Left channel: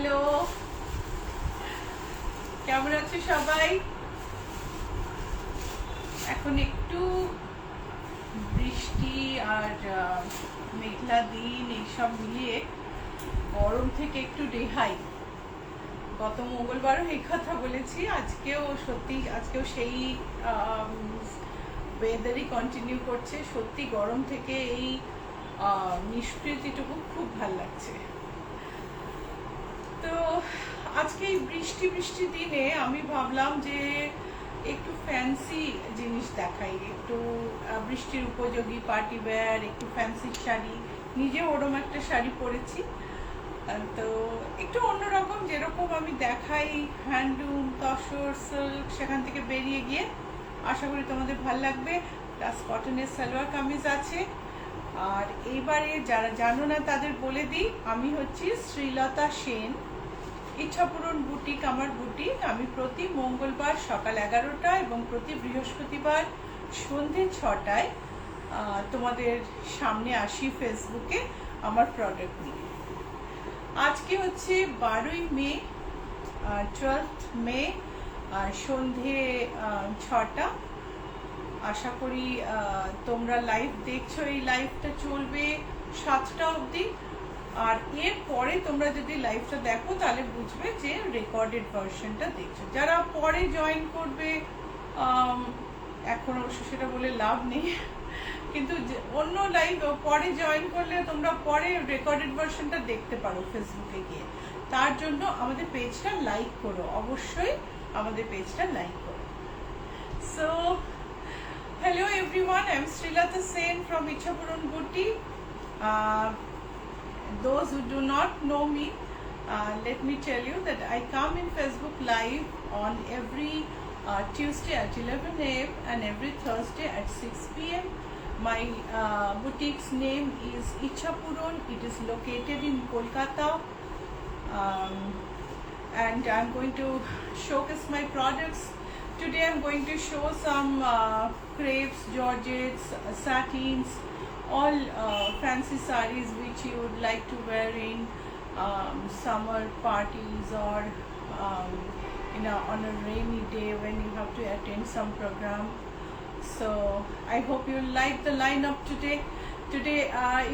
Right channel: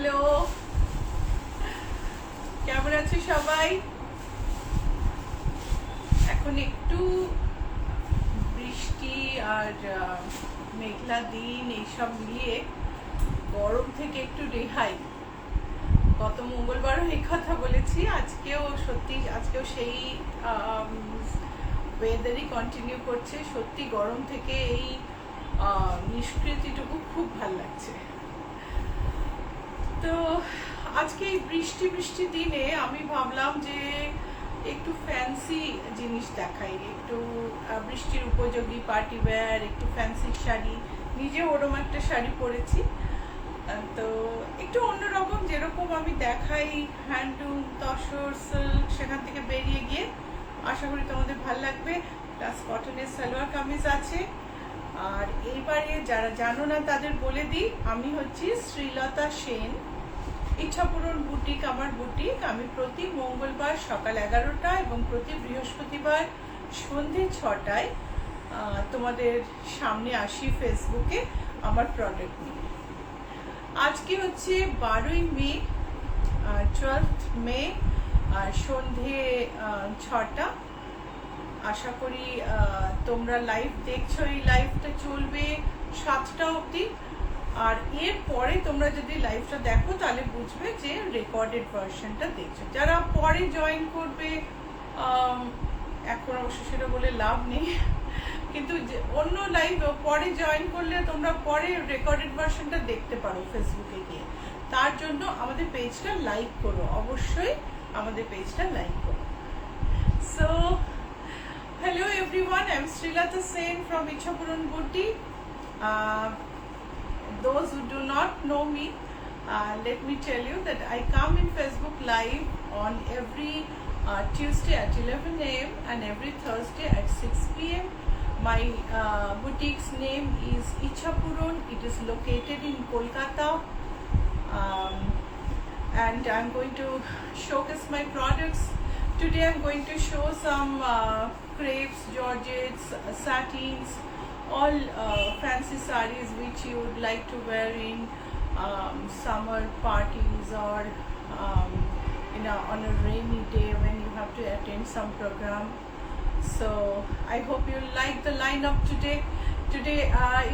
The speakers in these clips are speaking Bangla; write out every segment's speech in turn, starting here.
হ্যালো, কেমন আছো সবাই? এখন একটু বৃষ্টি আর মেঘলা দিন এইসব মিলিয়ে গরম থেকে একটু রেহাই। গত মঙ্গলবারও এই কথা বলেছি, আজকেও সেই ওয়েদারই কন্টিনিউ করছে। সত্যি গরম থেকে এই নিষ্কৃতিটুকু খুব ভাল লাগছে। তো আজকে এই বৃষ্টি দিনে আমি ভাবলাম যে একটু ফ্যান্সি জিনিস দেখাই, একটু বৃষ্টির উপযোগী পার্টি ওয়্যার, একটু ফ্যান্সি শাড়ি। নিজে ওরম একটা শাড়ি পরেছি, তো একটু অন্যরকম, যেরকম আমি দেখাই হ্যান্ডলুম, তসর, সিল্ক, সেখান থেকে বেরিয়ে গিয়ে আশা করি তোমাদের ভালো লাগবে। প্লাস কটনের সালোয়ার কামিজ আছে। আর এইবারে যারা জানো না তাদের বলে দিই, আমি হচ্ছি শ্রীলতা সেন, ইচ্ছাপূরণ বুটিক আমার বুটিক। আমি প্রতি মঙ্গলবার সকাল 11টা এবং প্রতি বৃহস্পতিবার সন্ধে 6টায় তোমাদের সামনে আসি ফেসবুকে আমার প্রোডাক্ট নিয়ে। আজকে হচ্ছে 12ই মে, 12th মে, সন্ধে 6টা। আশা করি তোমরা লাইভ দেখছো। এই লাইভটা চলবে 7টা অবধি। আর এর পরে তোমরা যদি লাইভটা দেখো তাহলে বুঝবে যে রেকর্ডেড ভার্সনটা দেখছো। যারা পরে জয়েন করবে, এখন অবশ্য সেটা বলে লাভ নেই, কিন্তু অন্য লাইভ পরে জয়েন করলে তোমরা পরে রেকর্ডেড ভার্সনটা দেখতে পারো ফেসবুকে গিয়ে। তার জন্য আমাদের পেজটা লাইক করো, অবশ্যই আমাদের পেজটা লাইক করো। So hello everyone, I'm Srilata Sen from Ichhapuran Boutique. Those who do not know me, let me tell you that I come in Facebook Live on every Tuesday at 11 a.m. and every Thursday at 6 p.m. My boutique's name is Ichhapuran. It is located in Kolkata, and I'm going to showcase my products. Today I'm going to show some crepes, georgettes, satins, all fancy sarees which you would like to wear in summer parties or on a rainy day when you have to attend some program. So I hope you like the lineup today. Today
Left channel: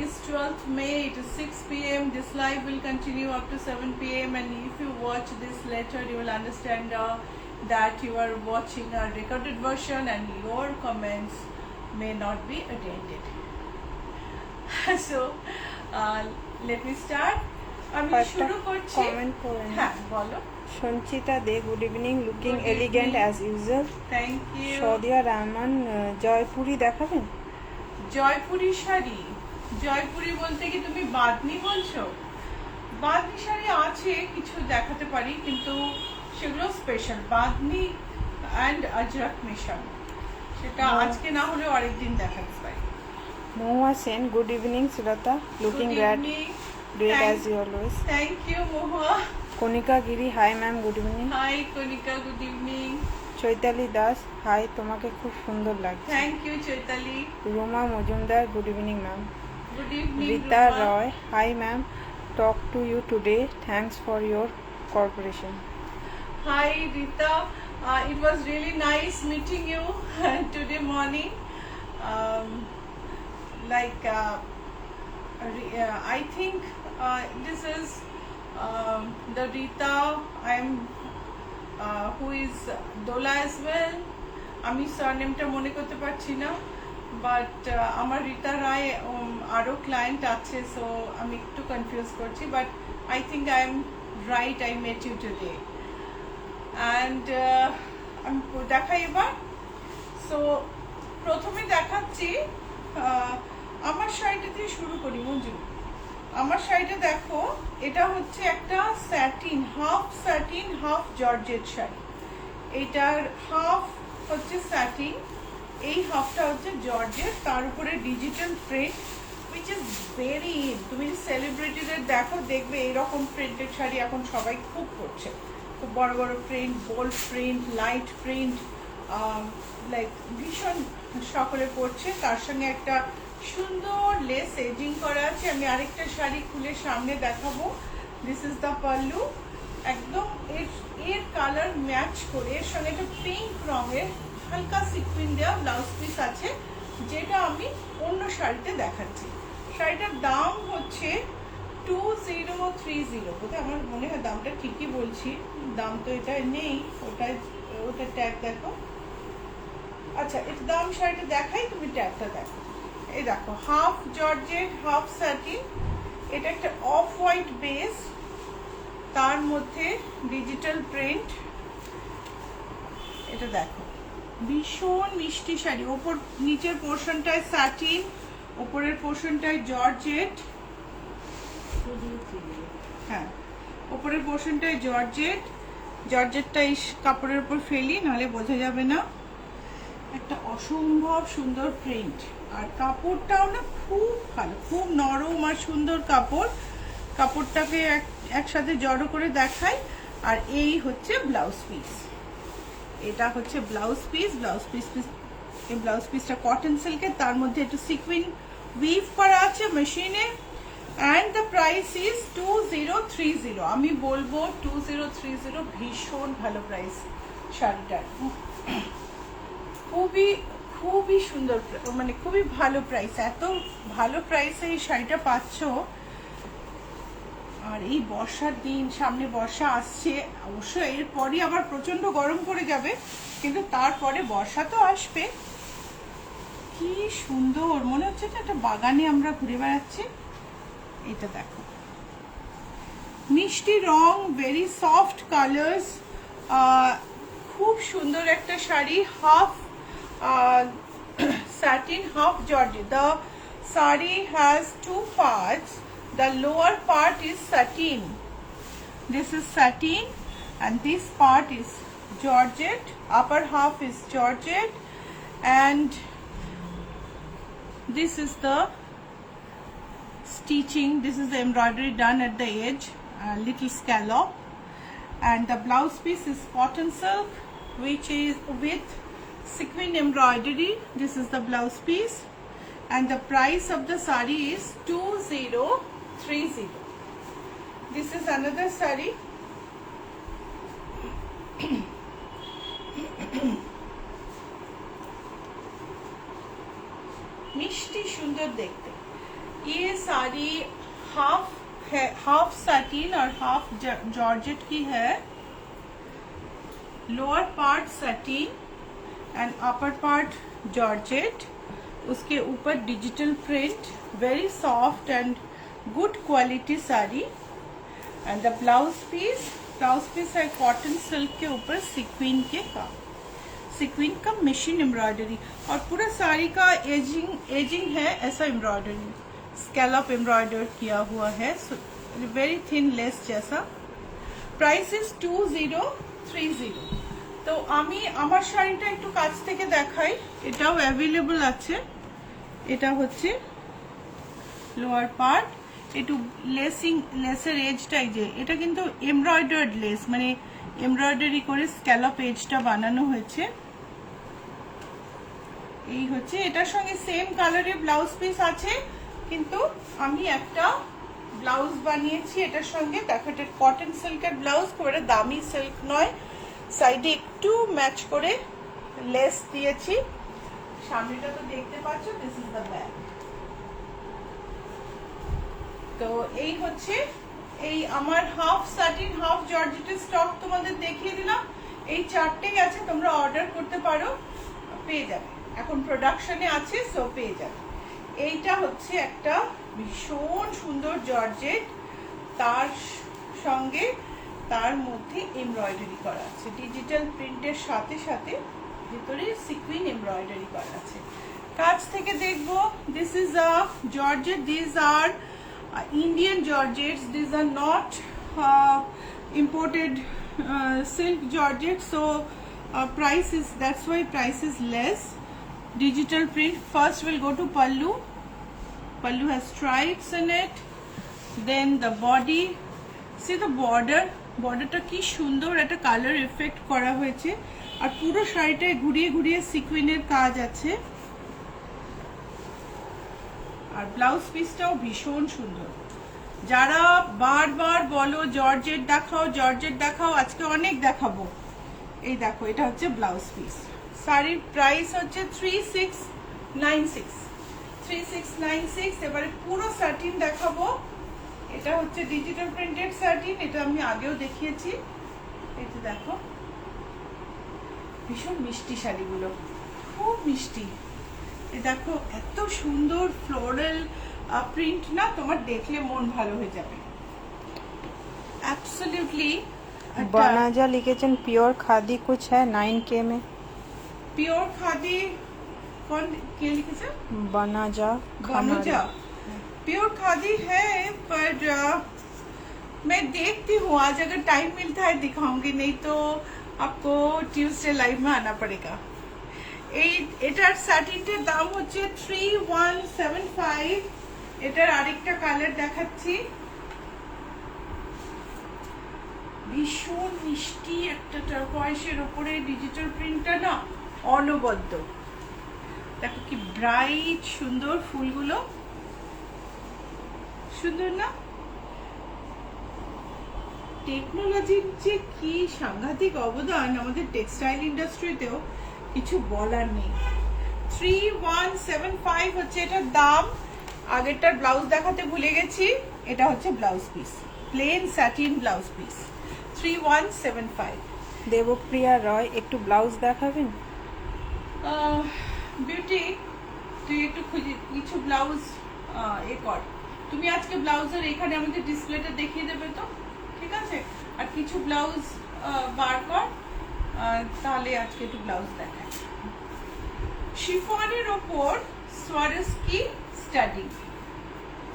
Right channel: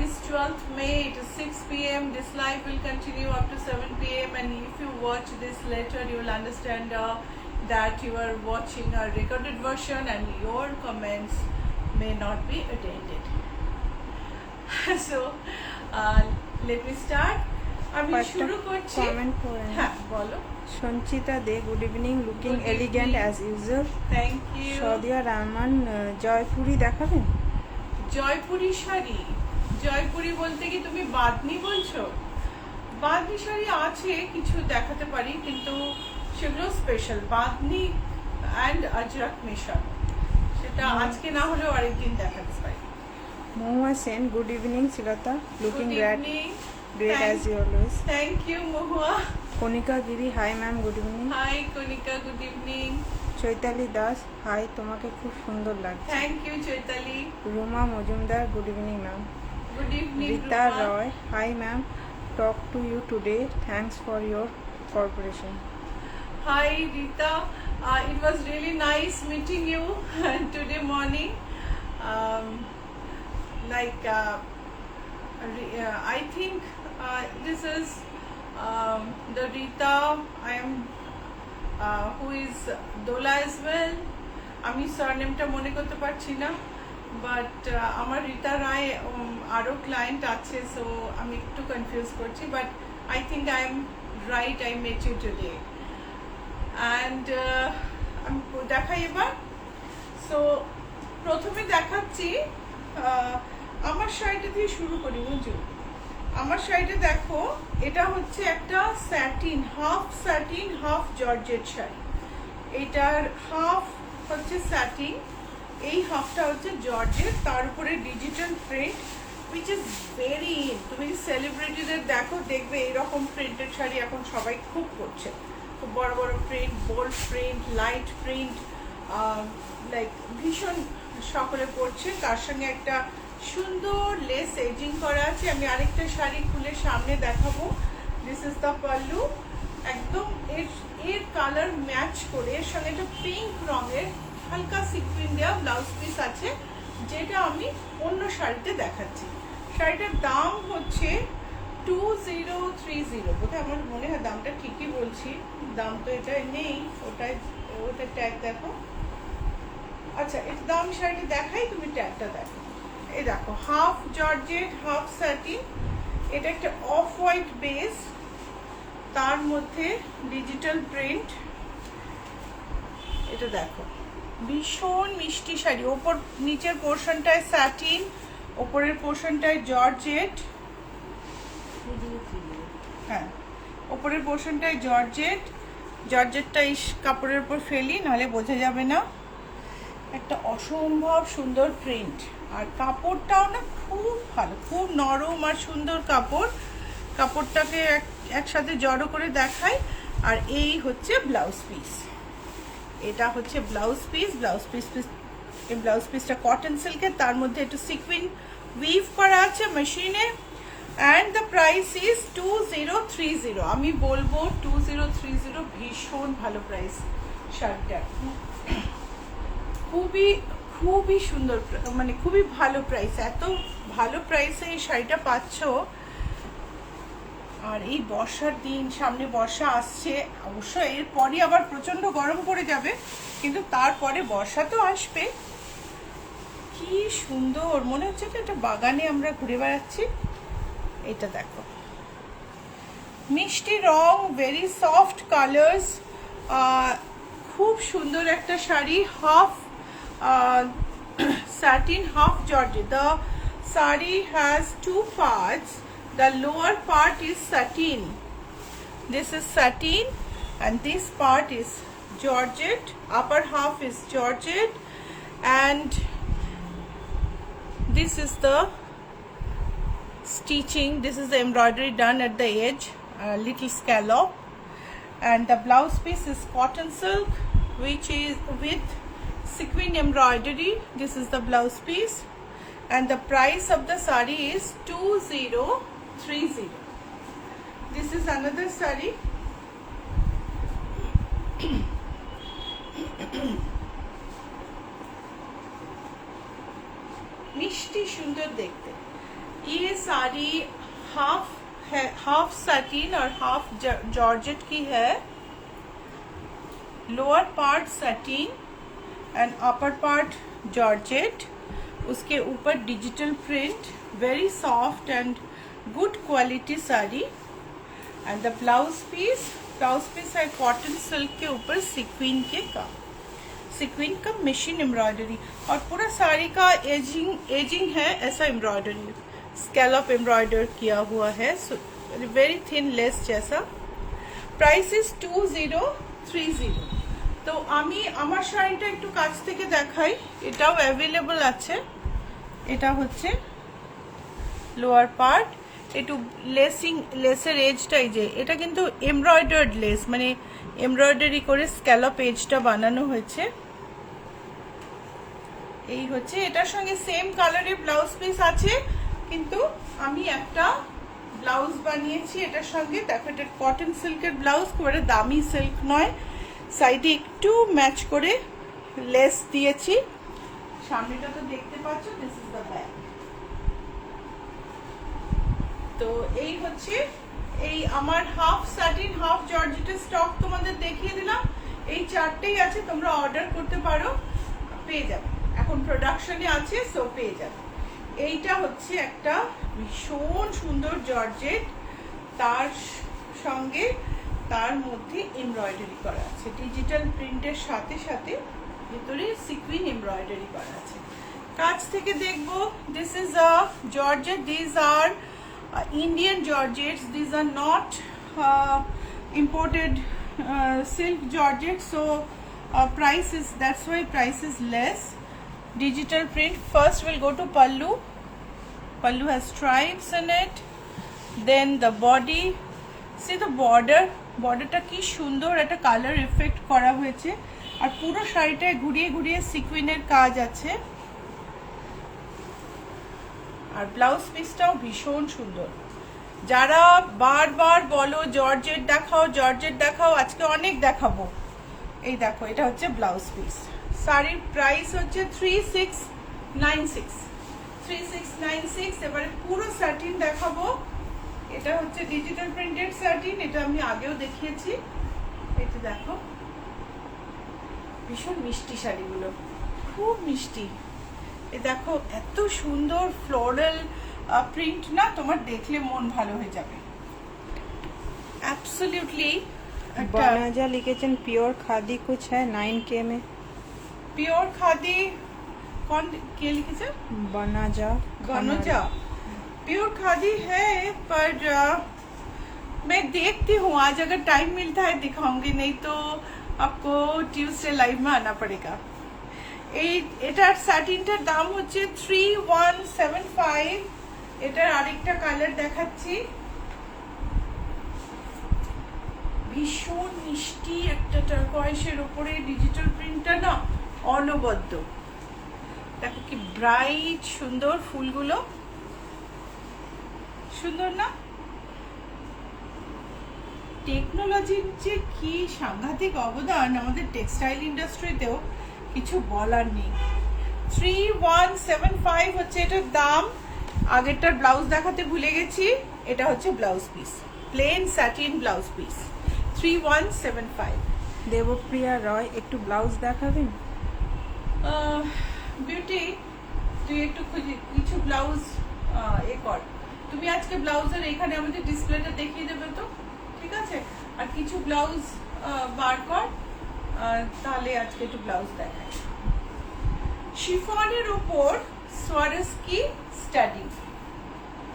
is 12th May, it is 6 p.m. This live will continue up to 7 p.m. and if you watch this later you will understand that you are watching a recorded version and your comments may not be attended. So let me start. আমি শুরু করছি। কমেন্ট পড়েন। হ্যাঁ বলো। Sanchita De, good evening, looking elegant as usual. Thank you. Sadia Rahman, Jaipuri দেখাবেন? জয়পুরি শাড়ি, জয়পুরি বলতে কি তুমি বাঁধনি বলছো? বাঁধনি শাড়ি আছে কিছু দেখাতে পারি, কিন্তু সেগুলো স্পেশাল বাঁধনি অ্যান্ড আজরক মেশানো, সেটা আজকে না হলেও আরেকদিন দেখাতে পারি। Mahua Sen, good evening Srilata, looking great as you always. Thank you Mahua. Kanika Giri, hi ma'am, good evening. Hi Kanika, good evening. Chaitali Das, hi, তোমাকে খুব সুন্দর লাগছে। Thank you Chaitali. Ruma Majumdar, good evening ma'am. Good evening. Rita Roy, hi ma'am, talk to you today, thanks for your corporation. Hi Rita, it was really nice meeting you today morning. I think this is the Rita who is Dola as well. আমি সারনেমটা মনে করতে পারছি না, বাট আমার রীতা রায় আরো ক্লায়েন্ট আছে, সো আমি একটু কনফিউজ করছি, but I think I am right, I met you today. And আমি দেখাই এবার। সো প্রথমে দেখাচ্ছি আমার শাড়িটা দিয়ে শুরু করি মঞ্জু। আমার শাড়িটা দেখো, এটা হচ্ছে একটা স্যাটিন, হাফ জর্জেট শাড়ি। এইটার হাফ হচ্ছে স্যাটিন, এই হাফটা হচ্ছে জর্জেট, তার উপরে digital print which is very in. তুমি সেলিব্রিটিদের দেখো, দেখবে এরকম প্রিন্টেড শাড়ি এখন সবাই খুব করছে। খুব বড় বড় print, bold print, light print, like ভীষণ সকলে পরছে। তার সঙ্গে একটা সুন্দর লেস এডিং করা আছে। আমি আরেকটা শাড়ি খুলে সামনে দেখাবো, দিস ইজ দ্য পাল্লু। একদম এর কালার ম্যাচ করে এর সঙ্গে একটা পিঙ্ক রঙের হালকা সিকুইন দেওয়া ব্লাউজ পিস আছে, যেটা আমি অন্য শাড়িতে দেখাচ্ছি। শাড়িটার দাম হচ্ছে 2030। বোধহয় আমার মনে হয় দামটা ঠিকই বলছি, দাম তো এটা নেই, ওটা ট্যাগ দেখো। আচ্ছা, এর দাম শাড়িটা দেখাই, তুমি ট্যাগটা দেখো। এই দেখো, হাফ জর্জেট হাফ স্যাটিন, এটা একটা অফ হোয়াইট বেস, তার মধ্যে ডিজিটাল প্রিন্ট। এটা দেখো, ভীষণ মিষ্টি শাড়ি। ওপর নিচের পোর্শনটায় স্যাটিন, ওপরের পোর্শনটায় জর্জেট। হ্যাঁ, ওপরের পোর্শনটায় জর্জেটটা এই কাপড়ের উপর ফেলি, নাহলে বোঝা যাবে না। একটা অসম্ভব সুন্দর প্রিন্ট, আর কাপড়টাও না খুব ভালো, খুব নরম আর সুন্দর কাপড়। কাপড়টাকে একসাথে জড়ো করে দেখাই। আর এই হচ্ছে ব্লাউজ পিস, এটা হচ্ছে ব্লাউজ পিস। এই ব্লাউজ পিসটা কটন সিল্কের, তার মধ্যে একটু সিকুইন উইভ করা আছে মেশিনে। And the price is 2030। আমি বলবো 2030 ভীষণ ভালো প্রাইস শাড়িটার। খুবই সুন্দর, মানে খুবই ভালো প্রাইস। এত ভালো প্রাইসে এই শাড়িটা পাচ্ছ। আর এই বর্ষার দিন, সামনে বর্ষা আসছে, অবশ্যই এরপরই আবার প্রচন্ড গরম পড়ে যাবে, কিন্তু তারপরে বর্ষা তো আসবে। কি সুন্দর, মনে হচ্ছে যে একটা বাগানে আমরা ঘুরে বেড়াচ্ছি। এটা দেখো, মিষ্টি রং, ভেরি সফট কালার্স, খুব সুন্দর একটা sari. Half satin, half georgette. The sari has two parts. The lower part is satin. This is satin, and this part is georgette. Upper half is georgette, and this is the stitching. This is the embroidery done at the edge, little scallop, and the blouse piece is cotton silk, which is with sequin embroidery. This is the blouse piece, and the price of the sari is 2030. This is another sari. मिष्टी सुंदर देखते। ये साड़ी हाफ सैटिन और हाफ जॉर्जेट की है। Lower part satin and upper part georgette, उसके ऊपर digital print, very soft and good quality sari. And the blouse piece है कॉटन सिल्क के ऊपर सिक्विन का मशीन एम्ब्रॉयडरी, और पूरा साड़ी का एजिंग है ऐसा एम्ब्रॉयडरी, स्कैलप एम्ब्रॉयडर किया हुआ है, वेरी थिन लेस जैसा। Price is 2030। তো আমি আমার শাড়িটা একটু কাছ থেকে দেখাই, এটাও অ্যাভেলেবল আছে। এটা হচ্ছে লোয়ার পার্ট, একটু লেসের এজটাই, যে এটা কিন্তু এমব্রয়ডার্ড লেস, মানে এমব্রয়ডারি করে স্ক্যালপ এজটা বানানো হয়েছে। এই হচ্ছে, এটার সঙ্গে সেম কালারের ব্লাউজ পিস আছে, কিন্তু আমি একটা ব্লাউজ বানিয়েছি এটার সঙ্গে। দেখো, এটা কটন সিল্কের ব্লাউজ, করে দামি সিল্ক নয়, সাইডে একটু ম্যাচ করে লেস দিয়েছি। সামনেটা তো দেখতে পাচ্ছ, দিস ইজ দ্য ব্যাক। তো এই হচ্ছে, এই আমার হাফ সাটিন হাফ জর্জেটের স্টক তোমাদের দেখিয়ে দিলাম। এই চারটেই আছে, তোমরা অর্ডার করতে পারো, পেয়ে যাবে। এখন প্রোডাকশনে আছে, সো পেয়ে যাবে। এইটা হচ্ছে একটা ভীষণ সুন্দর জর্জেট, তার সঙ্গে তার মধ্যে এমব্রয়ডারি করা আছে, ডিজিটাল প্রিন্টের সাথে সাথে ভিতরে সিকুইন এমব্রয়ডারি করা আছে। কাছ থেকে দেখবো, this is a georgette, this are Indian georgettes, these are not imported silk georgettes, so that's why price is less. Digital print. First we'll go to pallu. Pallu has stripes in it, then the body. See the borderটা কি সুন্দর একটা কালার এফেক্ট করা হয়েছে, আর পুরো শাড়িটায় ঘুরিয়ে ঘুরিয়ে সিকুইনের কাজ আছে। আর ব্লাউজ পিসটাও ভীষণ সুন্দর, যারা বারবার বলো জর্জেট দেখাও জর্জেট দেখাও, আজকে অনেক দেখাবো। এই দেখো, এটা হচ্ছে ব্লাউজ পিস। শাড়ির প্রাইস হচ্ছে 3696। এবারে পুরো স্যাটিন দেখাবো। এটা হচ্ছে ডিজিটাল প্রিন্টেড স্যাটিন, এটা আমি আগেও দেখিয়েছি। এটা দেখো, ভীষণ মিষ্টি শাড়িগুলো, খুব মিষ্টি। এ দেখো, এত সুন্দর ফ্লোরাল প্রিন্ট না, তোমার দেখলে মন ভালো হয়ে যাবে। অ্যাবসলিউটলি। बनाजा लिखेছেন प्योर खादी कुछ है 9K में। प्योर खादी कौन के लिखे? बनाजा बनोजा। प्योर खादी है, पर मैं देखती हूँ, आज अगर टाइम मिलता है दिखाऊंगी, नहीं तो आपको ट्यूसडे लाइव में आना पड़ेगा। এটার শার্টিনটার দাম হচ্ছে 3175। এটার আরেকটা কালার দেখাচ্ছি, ভীষণ মিষ্টি একটা টার্কোয়াইশের উপরে ডিজিটাল প্রিন্টটা না অনবদ্য। দেখো কি ব্রাইট সুন্দর ফুলগুলো, সুন্দর না? টেকনোলজির যে কি সাংঘাতিক অবদান আমাদের টেক্সটাইল ইন্ডাস্ট্রিতেও কিছু বলার নেই। 3175 হচ্ছে এটার দাম। আগেরটার ব্লাউজ দেখাতে ভুলে গেছি, এটা হচ্ছে blouse piece, plain satin blouse piece, 3175। Debapriya Roy একটু ব্লাউজ দেখাবেন? বিউটি, তুই একটু কিছু ব্লাউজ এ কর, তুমি আজকে ব্লাউজের এখানে আমাদের ডিসপ্লেটা দেখিয়ে দেবে তো, ঠিক আছে? আর কিছু ব্লাউজ বার কর, তাহলে আজকে একটু ব্লাউজ দেখাই। শিফনের ওপর সোয়ারস্কি স্টাডি।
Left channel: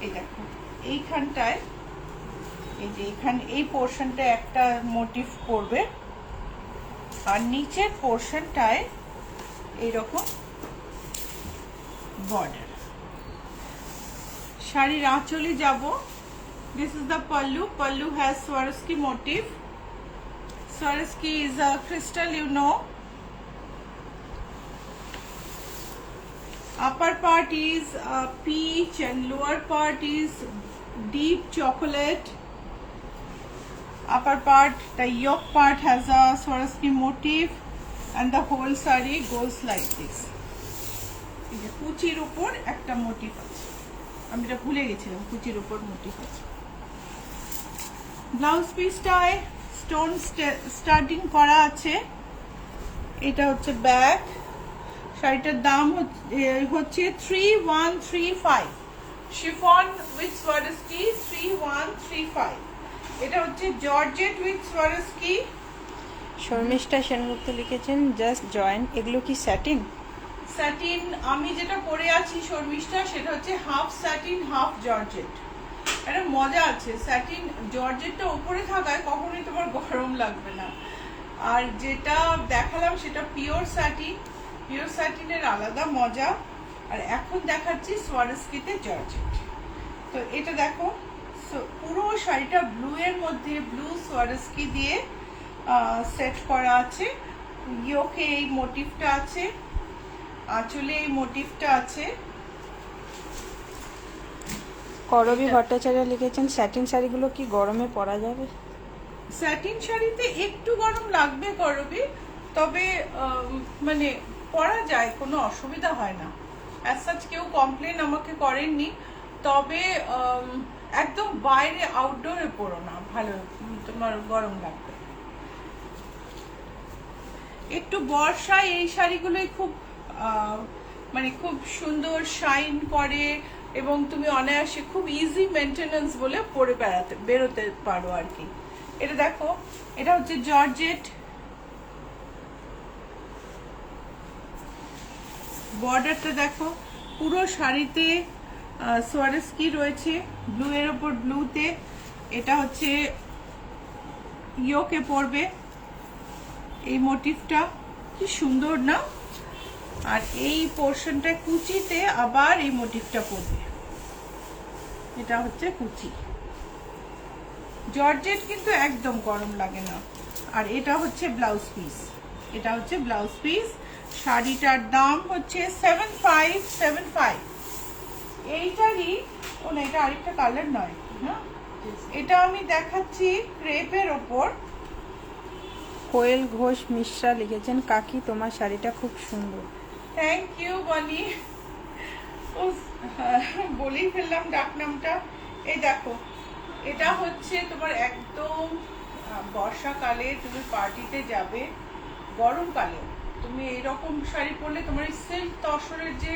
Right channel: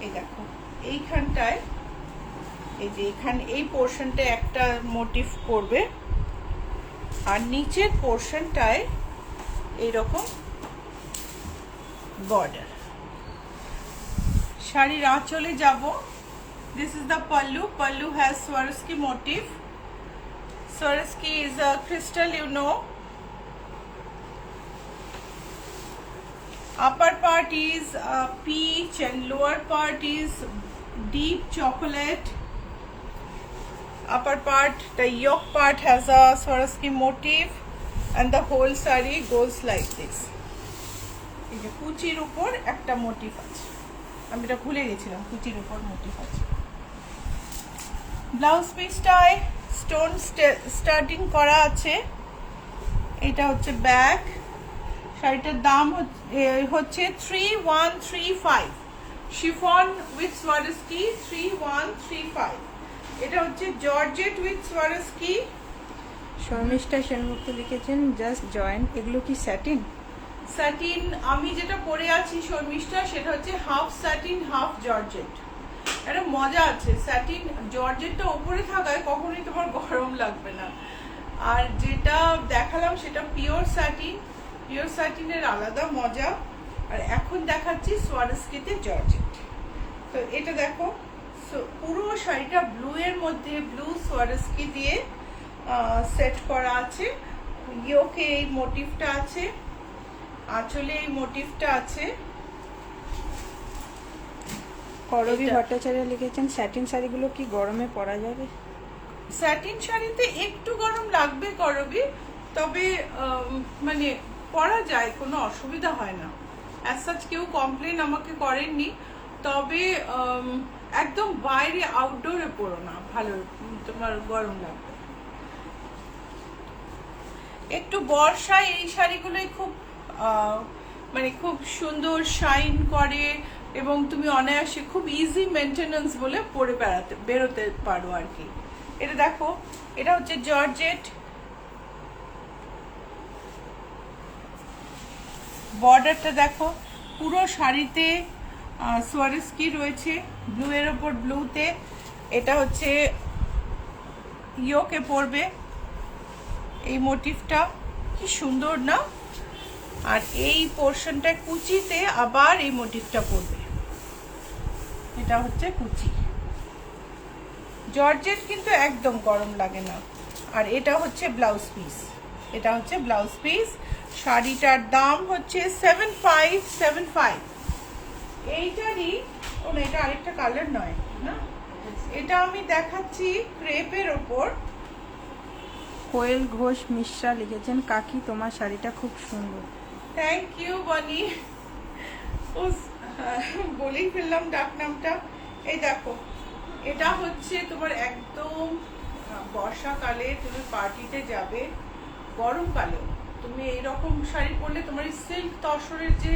এই দেখো, এইখানটায়, এই যে এখানে এই পোর্শনটা একটা মোটিভ করবে, আর নিচের পোর্শনটায় এইরকম বর্ডার। শাড়ির আঁচলে যাব। This is the pallu. Pallu has Swarovski motif. Swarovski is a crystal, you know. Upper part is peach and lower part is deep chocolate. Upper part, the yoke part has a Swarovski motif, and the whole saree goes like this. এই যে কুচির উপর একটা মোটিভ আছে, আমি এটা ভুলে গেছিলাম, কুচির উপর মোটিভ আছে। ব্লাউজ পিসটায় স্টোন স্টার্টিং করা আছে। এটা হচ্ছে ব্যাক। শাড়িটার দাম হচ্ছে 3135। Chiffon with Swarovski 3135। এটা হচ্ছে georgette with Swarovski. Sharmistha Sengupta লিখেছেন জাস্ট জয়েন, এগুলো কি স্যাটিন? স্যাটিন। আমি যেটা পরে আছি শর্মিষ্ঠা, সেটা হচ্ছে হাফ স্যাটিন হাফ জর্জেট। একটা মজা আছে, স্যাটিন জর্জেটটা উপরে থাকায় কখনোই তোমার গরম লাগবে না। আর যেটা দেখালাম সেটা পিওর স্যাটিন, পিওর স্যাটিনের আলাদা মজা। আর এখন দেখাচ্ছি সোয়ারস্কিতে জর্জেট। তো এটা দেখো, পুরো শাড়িটা ব্লু এর মধ্যে ব্লু সোয়ারস্কি দিয়ে সেট করা আছে। ইয়োকে এই মোটিভটা আছে, আঁচলে এই মোটিভটা আছে। করবী ভট্টাচার্য লিখেছেন স্যাটিন শাড়িগুলো কি গরমে পরা যাবে? স্যাটিন শাড়িতে একটু গরম লাগবে করবি, তবে মানে পরা যায়, কোনো অসুবিধা হয় না। অ্যাজ সাচ কেউ কমপ্লেন আমাকে করেননি, তবে একদম বাইরে আউটডোরে পরো না, ভালো তোমার গরম লাগবে। একটু বর্ষায় এই শাড়িগুলোই খুব মানে খুব সুন্দর শাইন করে, এবং তুমি অনায়াসে খুব ইজি মেনটেনেন্স বলে পরে বেরোতে পারো আর কি। এটা দেখো, এটা হচ্ছে জর্জেট। বর্ডারটা দেখো, পুরো শাড়িতে সোয়ারস্কি রয়েছে, ব্লু এর ওপর ব্লুতে। এটা হচ্ছে ইয়োকে পড়বে এই মোটিভটা, কি সুন্দর না? আর এই পোর্শনটা কুচিতে আবার এই মোটিভটা পড়বে, এটা হচ্ছে কুচি। জর্জেট কিন্তু একদম গরম লাগে না। আর এটা হচ্ছে ব্লাউজ পিস, এটা হচ্ছে ব্লাউজ পিস। শাড়িটার দাম হচ্ছে 7575। এইটারই, ও না, এটা আরেকটা কালার নয় না, এটা আমি দেখাচ্ছি ক্রেপের ওপর। কোয়েল ঘোষ মিশ্রা লিখেছেন, কাকি তোমার শাড়িটা খুব সুন্দর। থ্যাংক ইউ বনি। বলেই ফেললাম ডাক নামটা। এই দেখো, এটা হচ্ছে তোমার একদম বর্ষাকালে তুমি পার্টিতে যাবে, গরমকালে তুমি এইরকম শাড়ি পরলে তোমার এই সিল্ক তসরের যে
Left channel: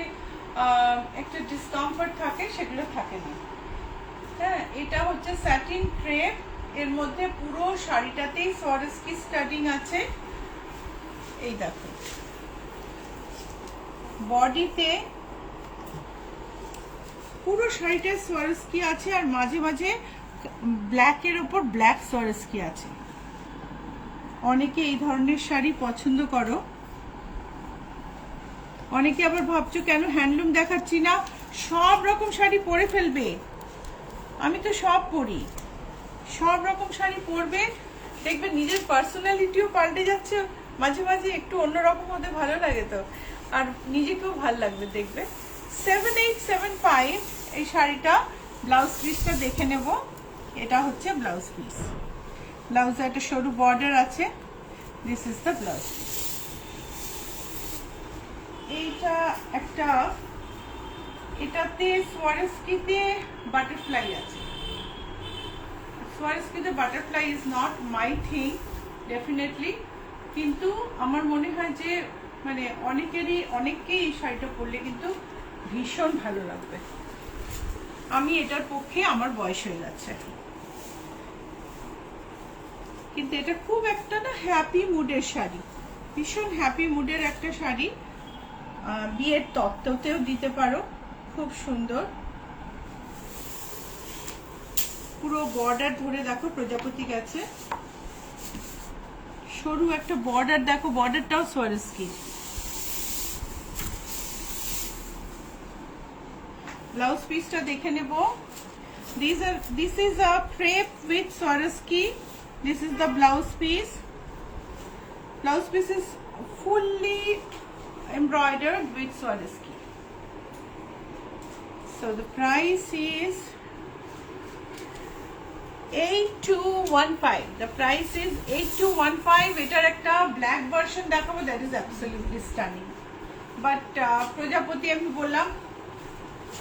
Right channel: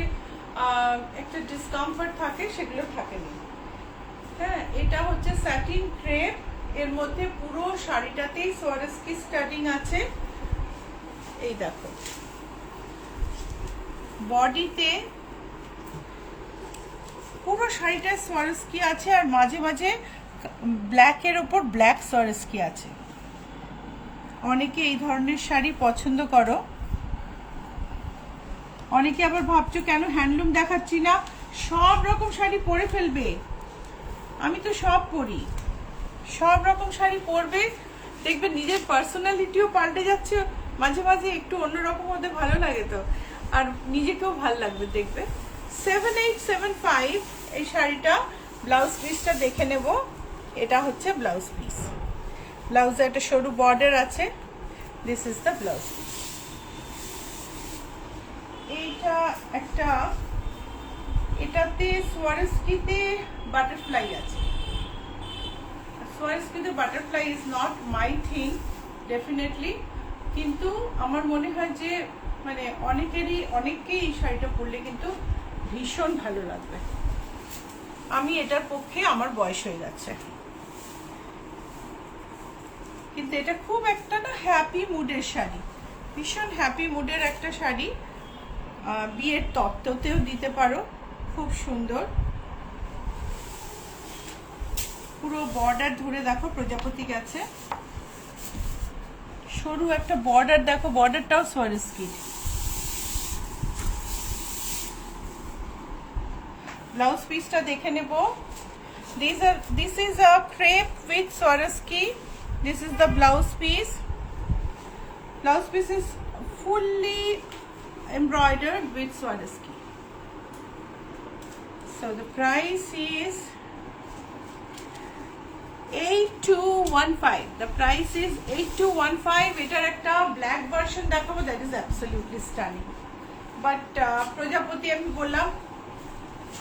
একটা ডিসকমফর্ট থাকে সেগুলো থাকে না। হ্যাঁ, এটা হচ্ছে স্যাটিন ক্রেপ, এর মধ্যে পুরো শাড়িটাতেই সোয়ারস্কি স্টাডিং আছে। এই দেখো, বডিতে পুরো শাড়িটা সোয়ারস্কি আছে, আর মাঝে মাঝে ব্ল্যাকের ওপর ব্ল্যাক সোয়ারস্কি আছে। অনেকে এই ধরনের শাড়ি পছন্দ করো। অনেকে আবার ভাবছো কেন হ্যান্ডলুম দেখাচ্ছি না, সব রকম শাড়ি পরে ফেলবে। আমি তো সব পরি, সব রকম শাড়ি পরবে, দেখবে নিজের পার্সোনালিটিও পাল্টে যাচ্ছে। মাঝে মাঝে একটু অন্যরকম হতে ভালো লাগে তো, আর নিজেকেও ভালো লাগবে দেখবে। 7875 এই শাড়িটা। ব্লাউজ পিসটা দেখে নেব। এটা হচ্ছে ব্লাউজ পিস। ব্লাউজে একটা সরু বর্ডার আছে। This is the blouse piece. এইটা একটা, এটাতে সোয়ারস্কিতে বাটারফ্লাই আছে। সোয়ারস্কিতে butterfly is not my thing definitely, কিন্তু আমার মনে হয় যে মানে অনেককেই এই শাড়িটা পরলে কিন্তু ভীষণ ভালো লাগবে। আমি এটার পক্ষে, আমার বয়স হয়ে যাচ্ছে, কিন্তু এটা খুব একটা না হ্যাপি মুডের শাড়ি, ভীষণ হ্যাপি মুডের একটা শাড়ি। বিয়ের তত্ত্বতেও দিতে পারো, খুব সুন্দর। পুরো বর্ডার ধরে দেখো প্রজাপতি গেছে, সরু একটা বর্ডার দেখো, বর্ডারটাও সোয়ারস্কি। ব্লাউজ পিসটা দেখে নেব। This is a crepe with Swarovski. This is the blouse piece. Blouse piece is fully embroidered with Swarovski. So the price is 8215. The price is 8215. এটার একটা ব্ল্যাক ভার্সন দেখাবো, that is absolutely stunning. But প্রজাপতি আমি বললাম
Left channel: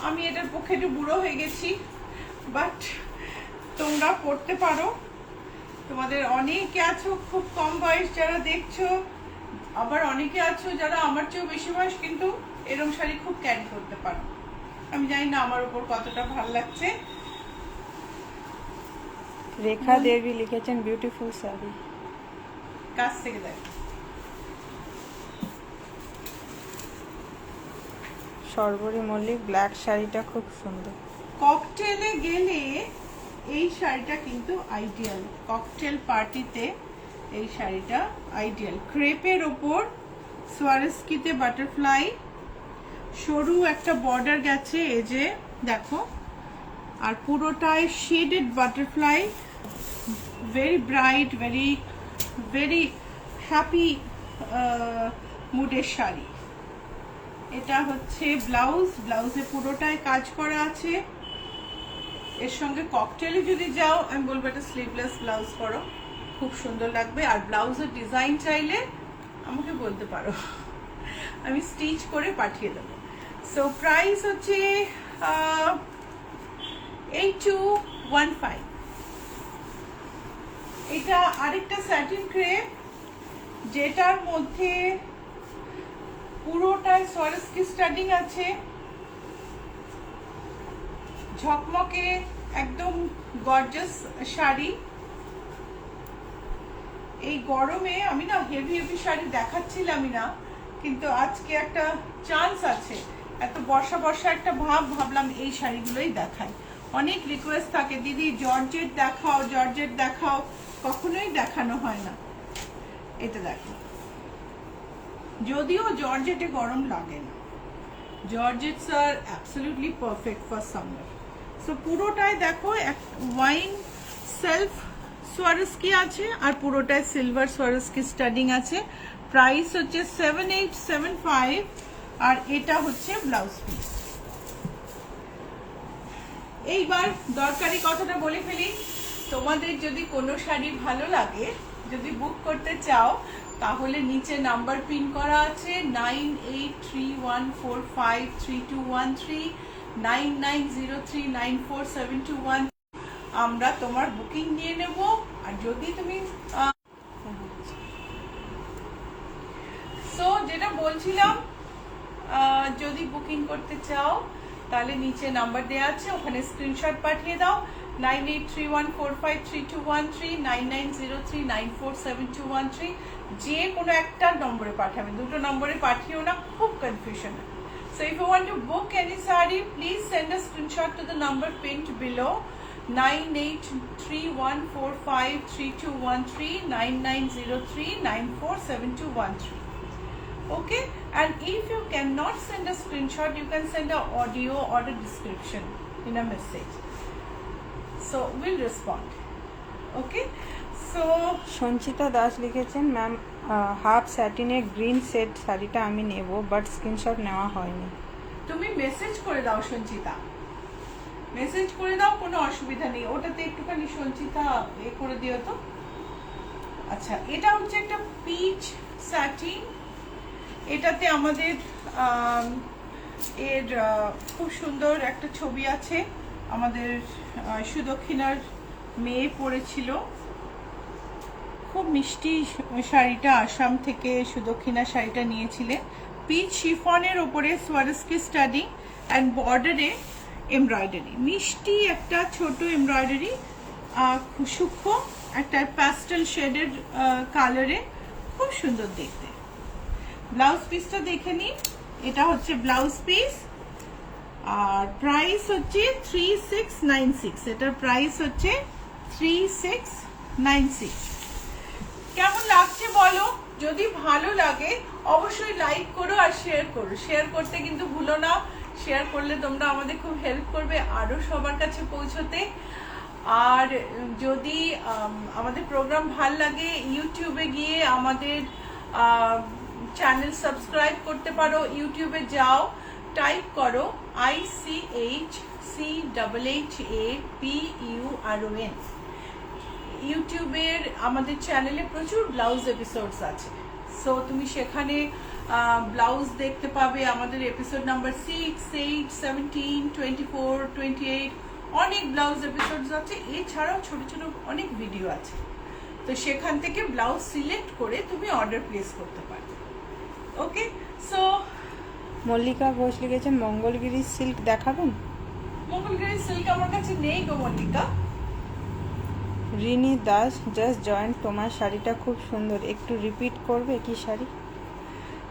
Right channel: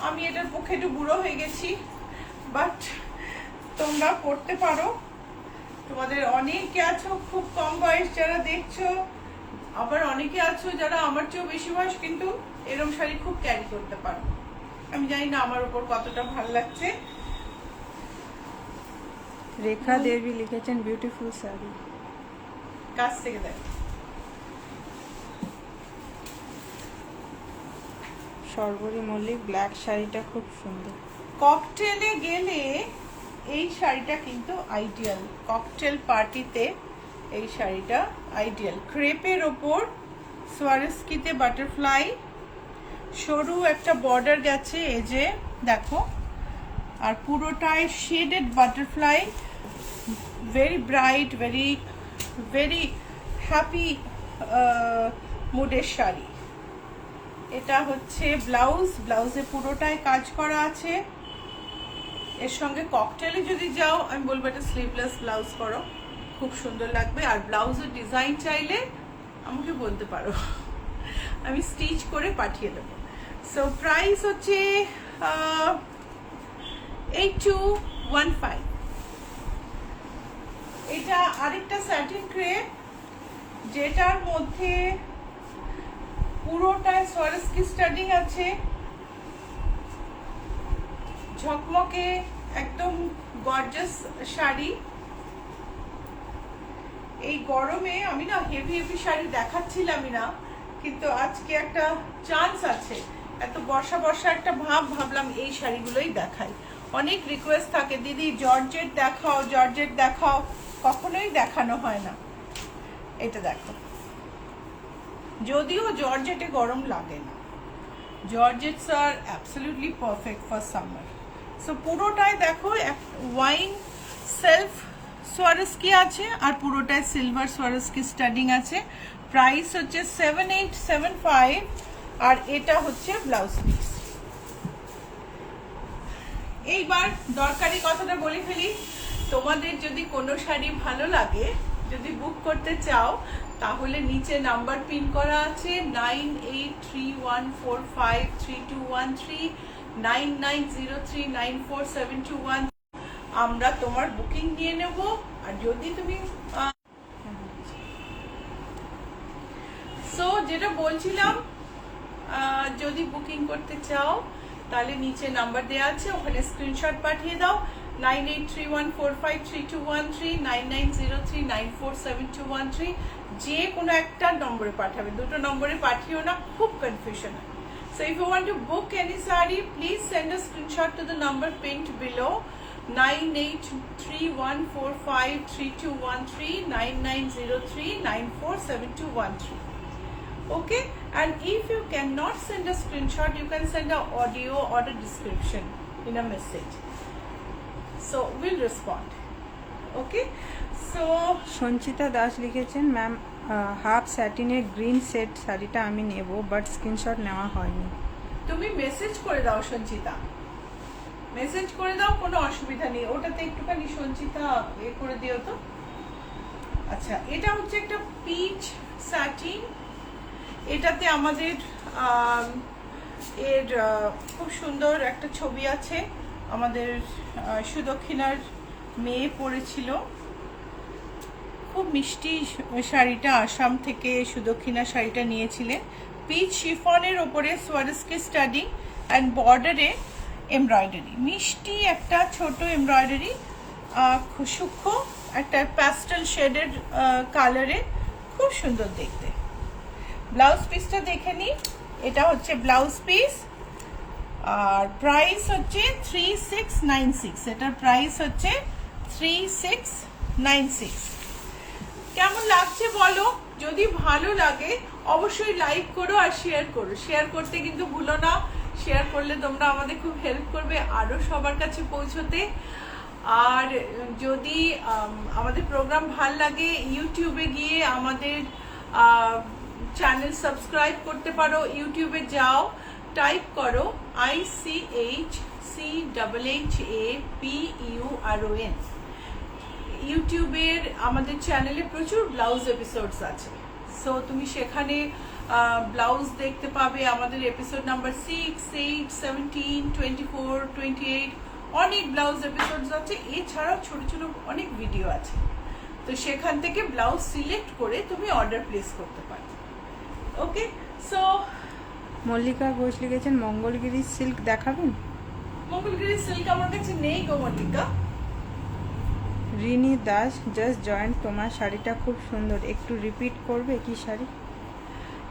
আমি এটার পক্ষে একটু বুড়ো হয়ে গেছি, বাট তোমরা পড়তে পারো। তোমাদের অনেকে আছো খুব কম বয়স যারা দেখছো, আবার অনেকে আছো যারা আমার চেয়েও বেশি বয়স, কিন্তু এরকম শাড়ি খুব ক্যারি করতে পারো। আমি জানি না আমার উপর কতটা ভালো লাগছে। রেখা দেবী লিখেছেন, বিউটিফুল শাড়ি। কাছ থেকে দেখ। সর্বরী মল্লিক, ব্ল্যাক শাড়িটা খুব সুন্দর। ককটেলে গেলে এই শাড়িটা কিন্তু আইডিয়াল, ককটেল পার্টিতে এই শাড়িটা আইডিয়াল। ক্রেপের ওপর সোয়ারস্কিতে বাটারফ্লাই, সরু একটা বর্ডার গেছে এই যে দেখো, আর পুরোটাই shaded butterfly. Very bright, very very happy মুডের শাড়ি। এটা হচ্ছে ব্লাউজ, ব্লাউজে পুরোটাই কাজ করা আছে। এর সঙ্গে ককটেলে যদি যাও আমি বলবো এটা স্লিভলেস ব্লাউজ করো, খুব সুন্দর লাগবে। আর ব্লাউজের ডিজাইন চাইলে আমাকে বলতে পারো, আমি স্টিচ করে পাঠিয়ে দেবো। সো প্রাইস হচ্ছে 8215। এটা আরেকটা স্যাটিন ক্রেপ, যেটার মধ্যে পুরোটায় সোয়ারস্কি স্টাডিং আছে, ঝকমকে একদম গর্জাস শাড়ি। এই গরমে আমি না হেভি হেভি শাড়ি দেখাচ্ছিলামই না, কিন্তু আজকে একটা চান্স আছে, এত বর্ষা বর্ষা একটা ভাবলাম এই শাড়িগুলোই দেখাই। অনেক রিকোয়েস্ট থাকে, দিদি জর্জেট দেখাও, জর্জেট দেখাও, কখনোই দেখানো হয় না। এটা দেখো, যদিও জর্জেটে গরম লাগে না, georgettes are absolutely perfect for summer. So পুরোটায় দেখো ওয়াইন সেলফ সোয়ারস্কি আছে, আর পুরোটায় সিলভার সোয়ারস্কি স্টাডিং আছে। প্রাইস হচ্ছে 7875, আর এটা হচ্ছে ব্লাউজ পিস। এইবার দরকারি কথাটা বলে ফেলি, তোমাদের যদি কোনো শাড়ি ভালো লাগে, যদি বুক করতে চাও, তাহলে নিচে নাম্বার পিন করা আছে 9831453213, 9903947213। আমরা তোমার বুকিং নিয়ে নেব। আর যদি তুমি সো যেটা বলছিলাম, যদি বুকিং করতে চাও তাহলে নিচে নাম্বার দেওয়া আছে, ওখানে স্ক্রিনশট পাঠিয়ে দাও 9831453213, 9903947213। যে কোনো একটা নম্বরে পাঠাবে, দুটো নম্বরে পাঠিও না, খুব কনফিউশন হয়। So if you want to book any sari, please send a screenshot to the number pinned below 9831453213, 9903947213. Okay, and if you cannot send a screenshot, you can send an audio or a description in a message, so we'll respond. Okay, so Sanchita Das লিখেছেন, ম্যাম হাফ স্যাটিনের গ্রিন সেট শাড়িটা আমি নেব, বাট স্ক্রিনশট নেওয়া হয়নি। তুমি মেসেজ করে দাও সঞ্চিতা, মেসেজ করে দাও, কোনো অসুবিধা নেই। ওটাতে একটুখানি সঞ্চিতা করে দিও তো। আচ্ছা, এটা হচ্ছে একটা পিচ স্যাটিন। এটাতে আমাদের এর খুব সুন্দর একটা ছবি আছে। আমাদের সুদক্ষিণার মেয়ে পরেছিল, খুব মিষ্টি শাড়িটা। আসাম থেকে সুদক্ষিণা শাড়িটা নিয়েছিলেন। পিচ শিফনের ওপরে সোয়ারস্কি স্টাডি অ্যান্ড বর্ডারে এমব্রয়ডারি, মিষ্টি একটা ছোট এমব্রয়ডারি, সূক্ষ্ম একটা প্যাস্টেল শেডের কালারে, খুব সুন্দর দেখতে। ব্লাউজ পিসটা দেখে নি, এটা হচ্ছে ব্লাউজ পিস। আর প্রাইস হচ্ছে 3696, এটার প্রাইস হচ্ছে 3696। কেমন লাগছে বলো? যদি ভালো লাগে অবশ্যই লাইক করো আর শেয়ার করো। শেয়ার করতে কিন্তু ভুলো না, শেয়ার করলে তোমরা আমাদের খুব হেল্প করবে আরো সবার কাছে পৌঁছতে। আর যদি আমাদের প্রোগ্রাম ভাল লাগে, ইউটিউবে গিয়ে আমাদের চ্যানেল সাবস্ক্রাইব করতে পারো। ইউটিউবে যাও, টাইপ করো ICHCHHAPURON। ইউটিউবের আমাদের চ্যানেলে প্রচুর ব্লাউজ এপিসোডস আছে, সো তুমি সেখানে ব্লাউজ দেখতে পাবে। আমাদের এপিসোড নাম্বার 6, 8, 17, 24, 28 অনেক ব্লাউজ এপিসোডস আছে। এছাড়াও ছোট ছোট অনেক ভিডিও আছে, তো সেখান থেকে ব্লাউজ সিলেক্ট করে তুমি অর্ডার প্লেস করতে পারো। ওকে, সো মল্লিকা ঘোষ লিখেছেন, মঙ্গলগিরি সিল্ক দেখাবেন। মঙ্গলগিরি সিল্ক আমার কাছে নেই গো মল্লিকা। রিনি দাস, জাস্ট জয়েন্ট, তোমার শাড়িটা খুব সুন্দর, একটু রিপিট করবে কি শাড়ি?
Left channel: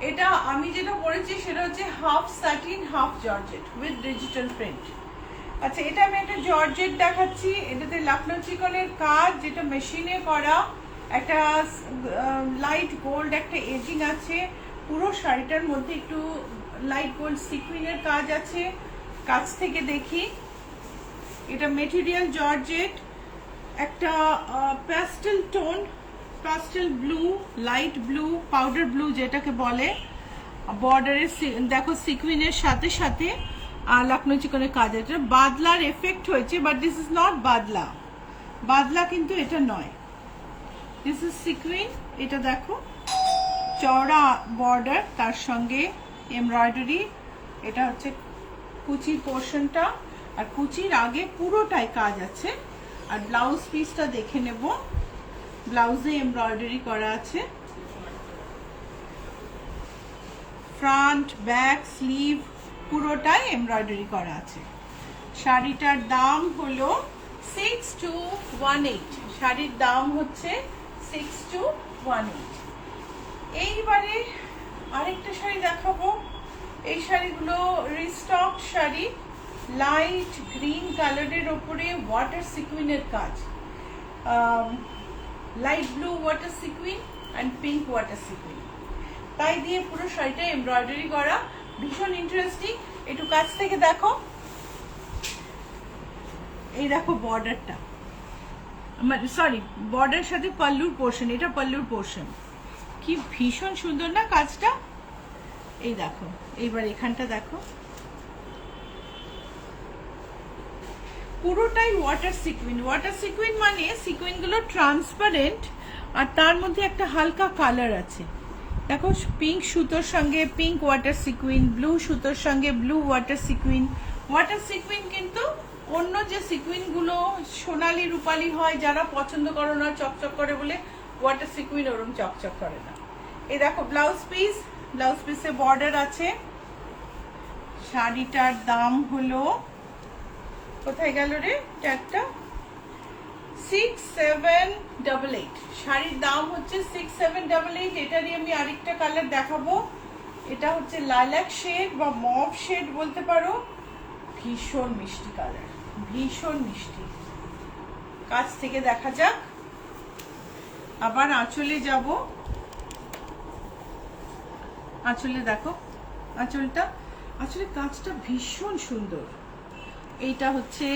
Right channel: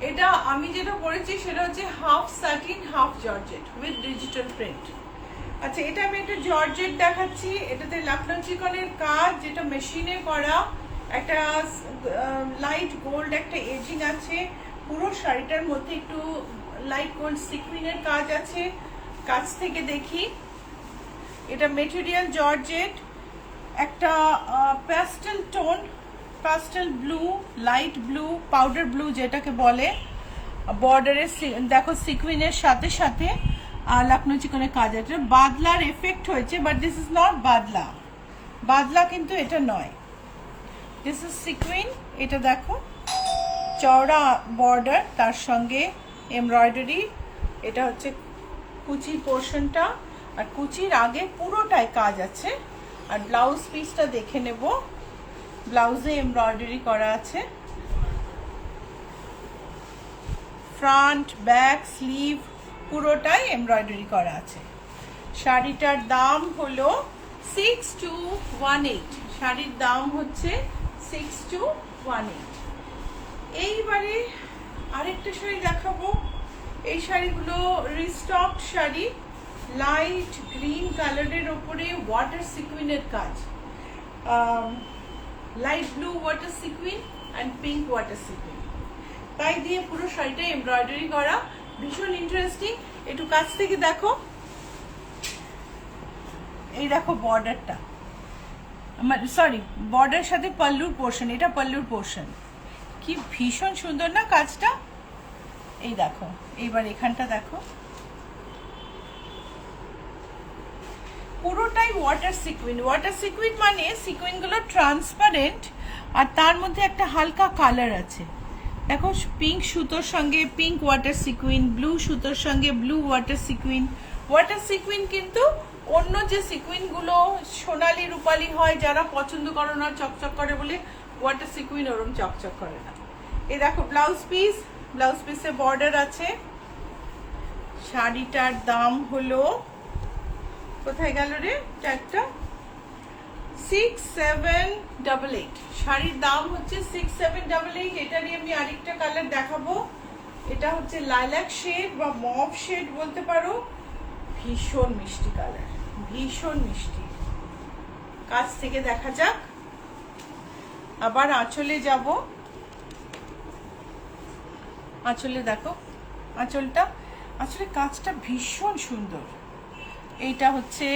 এটা আমি যেটা পরেছি সেটা হচ্ছে half satin half georgette with digital print. আচ্ছা, এটা আমি একটা জর্জেট দেখাচ্ছি। এটাতে লখনৌ চিকনের কাজ, যেটা মেশিনে করা, একটা লাইট গোল্ড একটা এজিং আছে। পুরো শাড়িটার মধ্যে একটু লাইট গোল্ড সিকুইনের কাজ আছে। কাছ থেকে দেখি, এটা মেটেরিয়াল জর্জেট, একটা pastel tone, pastel blue, light blue, powder blue যেটাকে বলে। বর্ডারের দেখো সিকুইনের সাথে সাথে লখনৌ চিকনের কাজ আছে। বাদলার এফেক্ট হয়েছে, বাট দিস ইজ নট বাদলা। বাদলা কিন্তু এটা নয়, দিস ইজ সিকুইন। এটা দেখো চওড়া বর্ডার, তার সঙ্গে এমব্রয়ডারি। এটা হচ্ছে কুচি পোর্শনটা, আর কুচির আগে পুরোটাই কাজ আছে। আর ব্লাউজ পিসটা দেখে নেব, ব্লাউজে এমব্রয়ডারি করা আছে। ফ্রন্ট, ব্যাক, স্লিভ পুরোটাই এমব্রয়ডারি করা আছে। শাড়িটার দাম হলো 6218। শাড়ির দাম হচ্ছে 6218। এইবারে আরেকটা শাড়ি দেখাবো। এই শাড়িগুলো রিস্টক শাড়ি, লাইট গ্রিন কালারের ওপরে ওয়াটার সিকুইনের কাজ, light blue water sequin and pink water sequin, তাই দিয়ে পুরো শাড়িটা এমব্রয়ডারি করা, ভীষণ ইন্টারেস্টিং। একটু কাছ থেকে দেখো, এই দেখো বর্ডারটা, সরি বর্ডারের সাথে পাল্লুর পোর্শন, এটা পাল্লুর পোর্শন, কি ভীষণ সুন্দর না কাজটা। এই দেখো, এইবার এখানটা দেখো, পুরোটাই ওয়াটার সিকুইন। ওয়াটার সিকুইন মানে সিকুইনগুলো ট্রান্সপারেন্ট আর তার মধ্যে একটা হালকা কালার আছে। দেখো, পিঙ্ক সুতোর সঙ্গে পিঙ্ক ওয়াটার সিকুইন, ব্লু সুতোর সঙ্গে blue water sequin. Water sequin কিন্তু অন্য যে সিকুইনগুলো সোনালি রূপালি হয়, যারা পছন্দ করো না চকচক করে বলে, ওয়াটার সিকুইন ওরম চকচক করে না। এই দেখো ব্লাউজ পিস, ব্লাউজ পিসে বর্ডার আছে। শাড়িটার দাম হলো, কোথায় গেল রে একটা, 6788। শাড়ির দাম হচ্ছে 6788। এটারই আমি আরেকটা কালার দেখাবো। এটা হচ্ছে লাইলাক শেড বা মভ শেড বলতে পারো। ভীষণ মিষ্টি কালার, ভীষণ মিষ্টি। কাছ থেকে দেখা যাক। আবার আঁচলে যাব। আঁচলে দেখো, আঁচলটা, আসলে কাজটা ভীষণ সুন্দর। এইটা হচ্ছে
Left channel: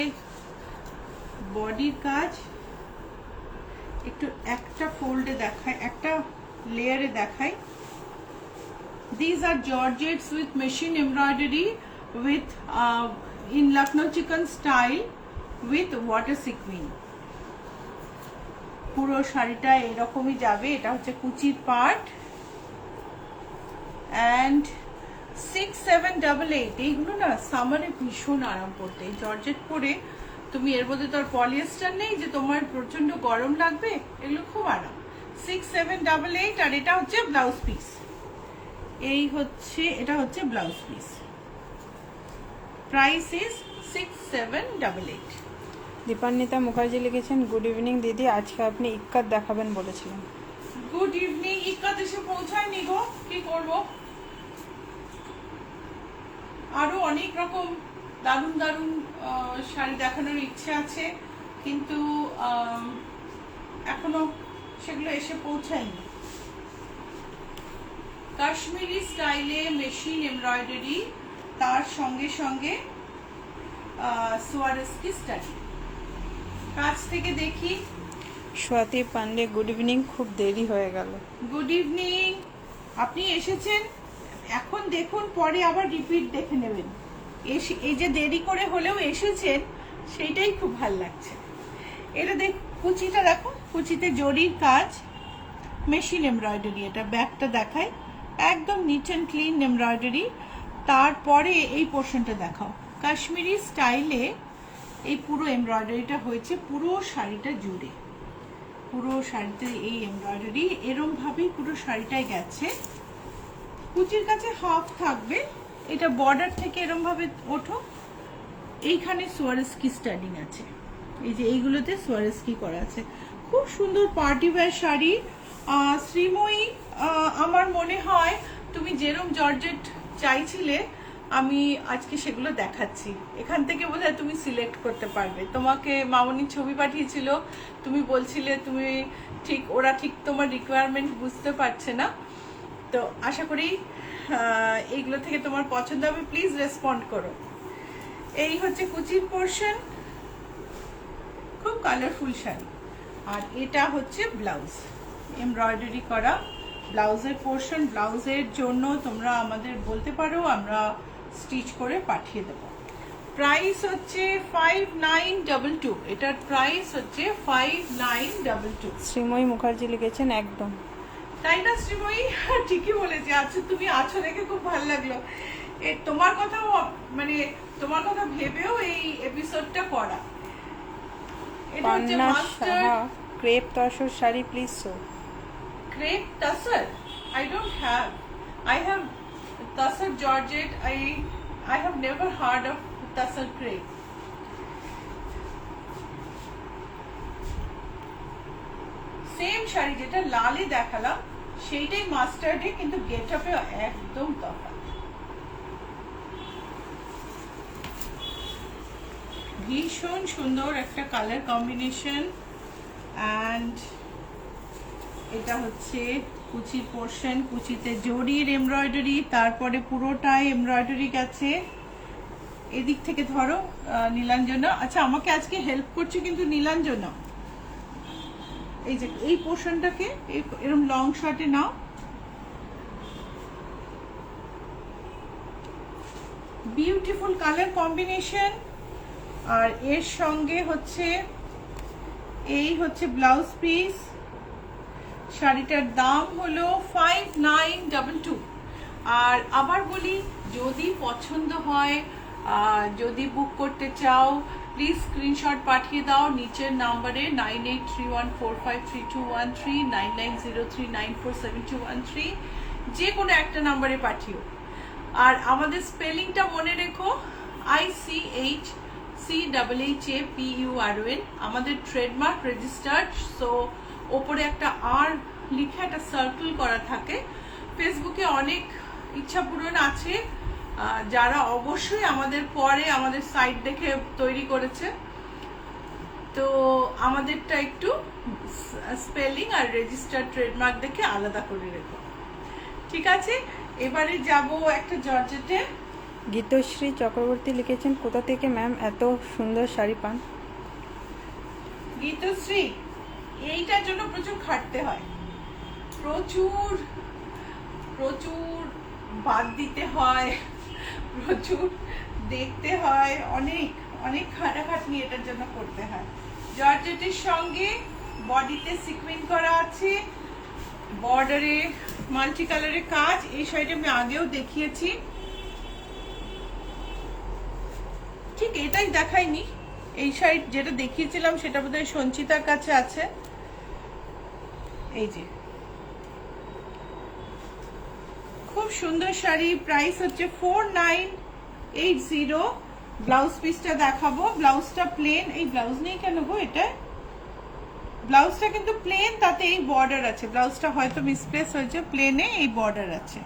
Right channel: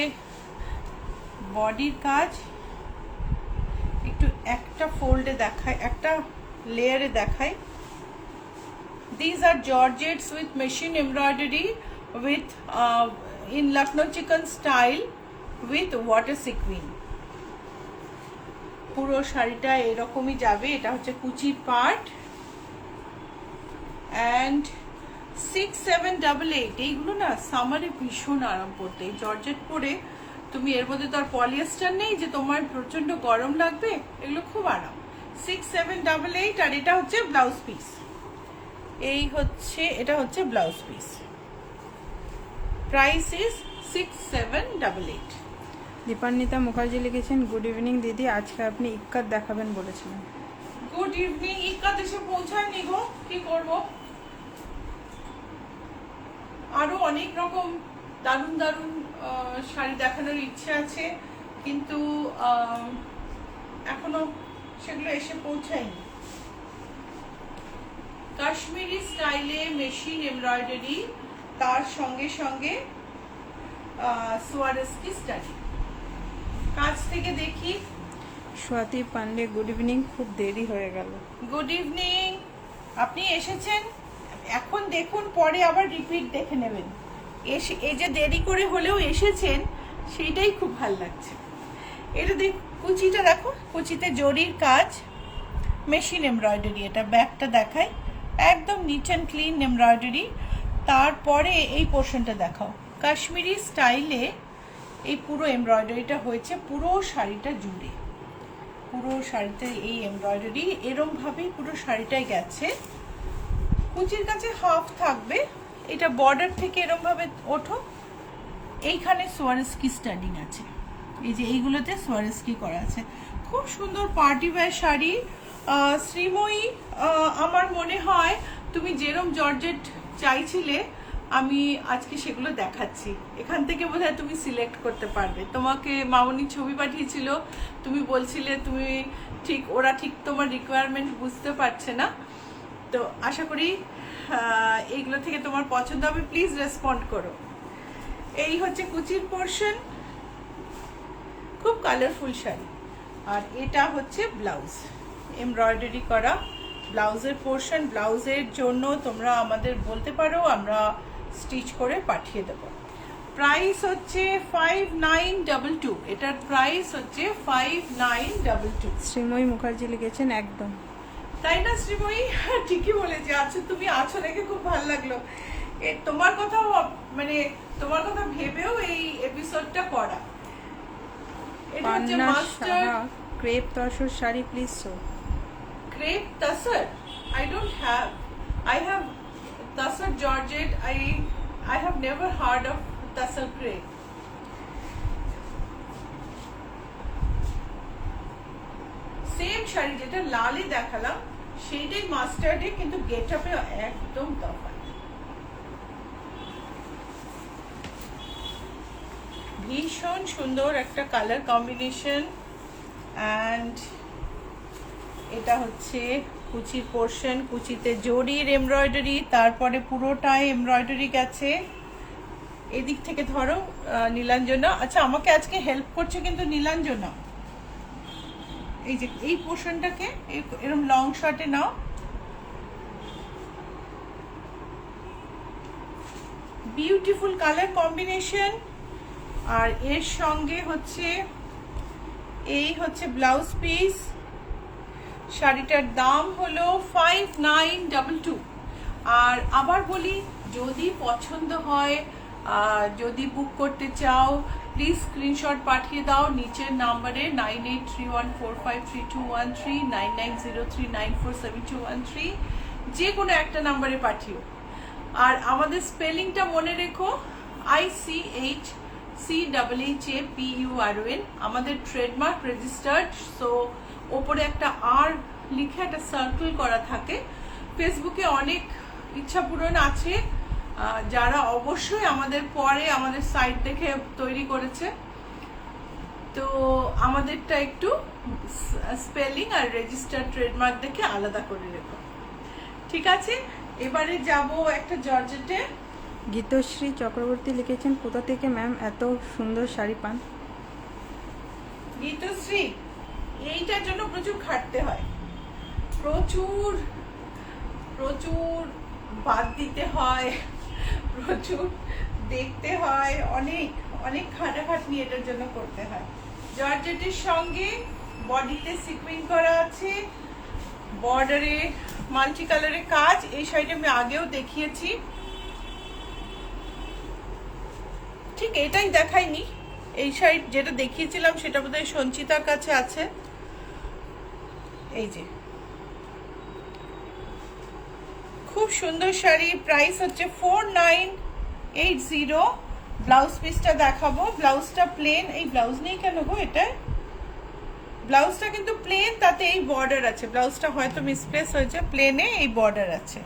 বডির কাজ। একটু একটা ফোল্ডে দেখায়, একটা লেয়ারে দেখাই। These are georgettes with machine embroidery with in Lucknow chicken style with water sequin. পুরো শাড়িটা এরকমই যাবে। এটা হচ্ছে কুচির পার্ট and 6788। এইগুলো না সামারে ভীষণ আরাম করতে। এই জর্জেট পরে তুমি, এর মধ্যে তো আর পলিয়েস্টার নেই যে তোমার প্রচন্ড গরম লাগবে, এগুলো খুব আরাম। 6788। আর এটা হচ্ছে ব্লাউজ পিস। এই হচ্ছে, এটা হচ্ছে blouse piece. Price is 6788। Dipanwita Mukherjee লিখেছেন, গুড ইভিনিং দিদি, আজকে আপনি ইক্কাত দেখাবেন বলেছিলেন। Good evening. ইক্কাত এসে পৌঁছায়নি গো, কি করবো। আরো অনেক রকম দারুণ দারুণ শাড়ি দেখানোর ইচ্ছে আছে, কিন্তু এখনো সেগুলো এসে পৌঁছায়নি। কাশ্মীরি স্টাইলে মেশিন এমব্রয়ডারি, তার সঙ্গে সঙ্গে সোয়ারস্কি স্টাইল। কাছ থেকে দেখি। স্বাতি পান্ডে, গুড ইভিনিং, খুব দেরি হয়ে গেল। Good evening. আপনি এসেছেন, এখন দেখুন, পরে আবার রিপিট দেখে নেবেন। এই যে দেরি করে হলেও এসেছেন, সেইটাই খুব ভালো লাগছে। এটা দেখ, কুচিটা দেখো, কুচিতে জরির কাজ, মেশিন এমব্রয়ডারি। এটা ব্যাকটা দেখায়, একদম নিট অ্যান্ড ক্লিন এমব্রয়ডারি। তারপরে এই পোর্শনটা দেখাও। কাশ্মীরি স্টাইলে এই পুরো এমব্রয়ডারিটা হয়েছে পুরো শাড়িটা জুড়ে। পুরো শাড়িতে এই এমব্রয়ডারি এরম ভাবেই পুরো শাড়িটায় গেছে। কুচির কাছে হাফ থাকবে। এটা বর্ডার থেকে এরম ভাবে ওঠো। এইখানে সোয়ারস্কি স্টাইলিং আছে, এই যে এইগুলোতে সোয়ারস্কি করা আছে। খুব সুন্দর পার্টি ওয়্যার শাড়ি। শ্রীময়ী, আমার মনে হয় তুমি যেরম জর্জেট চাইছিলে, আমি আজকে সেগুলো দেখাচ্ছি। এখান থেকে বোধহয় তুমি সিলেক্ট করতে পারবে। তোমাকে মামনি ছবি পাঠিয়েছিল, তুমি বলছিলে তুমি ঠিক, ওরা ঠিক তোমার রিকোয়ারমেন্ট বুঝতে পারছে না। তো আশা করি এইগুলো থেকে তোমার পছন্দ হবে। প্লিজ রেসপন্ড করো। এই হচ্ছে কুচির পোর্শন, খুব কালারফুল শাড়ি। আর এটা হচ্ছে ব্লাউজ, এমব্রয়ডারি করা ব্লাউজের পোর্শন। ব্লাউজের জন্য তোমরা আমাদের বলতে পারো, আমরা স্টিচ করে পাঠিয়ে দেব। প্রাইস হচ্ছে 5922। এটার প্রাইস হচ্ছে 5922। শ্রীময়ী মুখার্জি লিখেছেন, একদম তাই না শ্রীময়ী? ঠিকই বলেছি। আচ্ছা, তুমি আছো দেখে খুব ভালো লাগলো। তোমার কথাও, মানে তোমার কথা ভেবেও এই এপিসোডটা করা। Panna Saha, crepe tussar sari please show. Crepe tussar? I don't have. I have tussar georgette. I have never heard of tussar crepe. Same sari যেটা লালে দেখালাম, সেইটাই মাস্টার্ডে, কিন্তু গেটআপে একদম তফাৎ। ভীষণ সুন্দর একটা কালার কম্বিনেশন। অ্যান্ড এটা হচ্ছে কুচির পোর্শন, কুচিতে জরির এমব্রয়ডারি, তারপরে পুরোটাই এমব্রয়ডারি গেছে। এদিক থেকে ধরো নীলাঞ্জনা। আচ্ছা, আমাকে আজকে হেল্প করছে কিন্তু নীলাঞ্জনা। এই যে এই পোর্শনটাকে এরকম লং শর্টে নাও। Beautiful colour combination. আর এর সঙ্গে হচ্ছে এই হচ্ছে ব্লাউজ পিস। শাড়িটার দাম হলো 5922। আর আবার বলি, যদি পছন্দ হয়, যদি বুক করতে চাও, প্লিজ স্ক্রিনশট পাঠিয়ে দাও নিচের নাম্বারে 9831453213, 9903947213, যে কোনো একটা নাম্বারে পাঠিও। আর আমাদের স্পেলিংটা মনে রেখো, ICHCHHAPURON, আমাদের ট্রেডমার্ক রেজিস্টার্ড। সো ওপরে একটা আর লিখে একটা সার্কেল করা থাকে। ফেসবুকে অনেক ইচ্ছা পূরণ আছে যারা অবশ্যই আমাদের পরে আমাদের সাইট দেখে তৈরি করেছে। তো আমাদেরটা একটু স্পেলিং আর রেজিস্টার্ড ট্রেডমার্ক দেখে আলাদা করে রেখো, ঠিক আছে? এবারে যাব একটা জর্জেটে। গীতশ্রী চক্রবর্তী লিখেছেন, কোথা থেকে ম্যাম এত সুন্দর শাড়ি পান? গীতশ্রী, এইটার জন্য প্রচুর খাটতে হয়, প্রচুর প্রচুর বাদ দিতে হয়, প্রচুর দেখতে হয়, অনেক অনেক খাটাখাটনি এটার জন্য করতে হয়। জর্জেটের সঙ্গে বডিতে সিকুইন করা আছে, বর্ডারে মাল্টি কালারের কাজ। এই শাড়িটা আমি আগেও দেখিয়েছি, ঠিক এটাই দেখাইনি। এই শাড়ি যেটা দেখিয়েছিলাম সেটা বোধহয় সঞ্চিতার কাছে আছে। এই যে খুব সুন্দর শাড়ি, প্রাইস হচ্ছে 4980। ব্লাউজ পিসটা দেখাবো। ব্লাউজটা প্লেন, এই ব্লাউজ নেই কেন গো? এটা ব্লাউজটা কিন্তু প্লেন, তাতে এই বর্ডার আছে। ব্লাউজটা হয়তো মিসপ্লেস হয়েছে, প্লেনে এই বর্ডার আছে।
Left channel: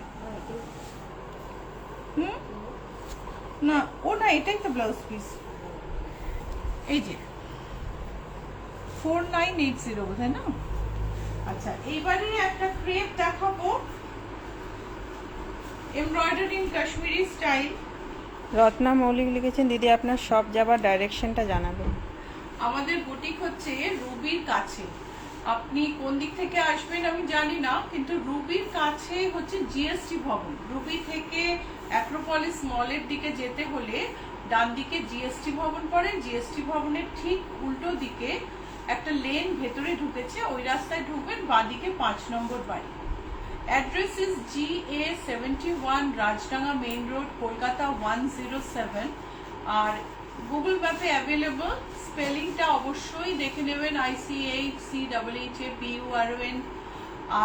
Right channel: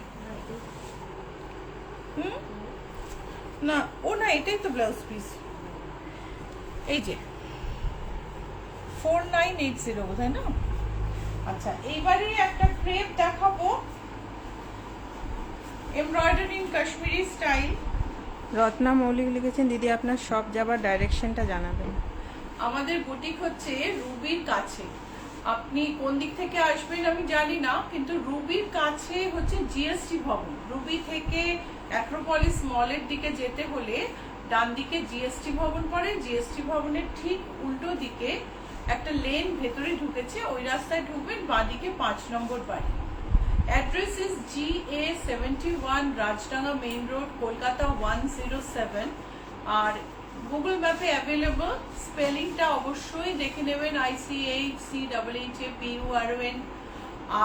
না, ও না, এটাই তো ব্লাউজ পিস। এই যে 4980 বোধহয় না? আচ্ছা, এইবারে একটা ক্রেপ দেখাবো, এমব্রয়ডারিং কাশ্মীরি স্টাইল। রত্না মৌলিক লিখেছেন, দিদি আপনার শপ যাবার ডাইরেকশনটা জানাবেন। আমাদের বুটিক হচ্ছে রুবির কাছে। আপনি কোন দিক থেকে আসবেন আমি জানি না, কিন্তু রুবির কাছে হচ্ছে জিএসটি ভবন। রুবি থেকে অ্যাক্রোপলিস মলের দিকে যেতে হলে ডান দিকে জিএসটি ভবন পড়ে। জিএসটি ভবনের ঠিক উল্টো দিকে একটা লেন ভেতরে ঢুকেছে, ওই রাস্তায় ঢুকবেন, বাঁদিকে 5 নম্বর বাড়ি। Address is GA71, Rajdanga main road, Kolkata 107। আর গুগল ম্যাপে অ্যাভেলেবল। স্পেলিংটা অবশ্যই দেখে নেবেন, ICHCHHAPURON।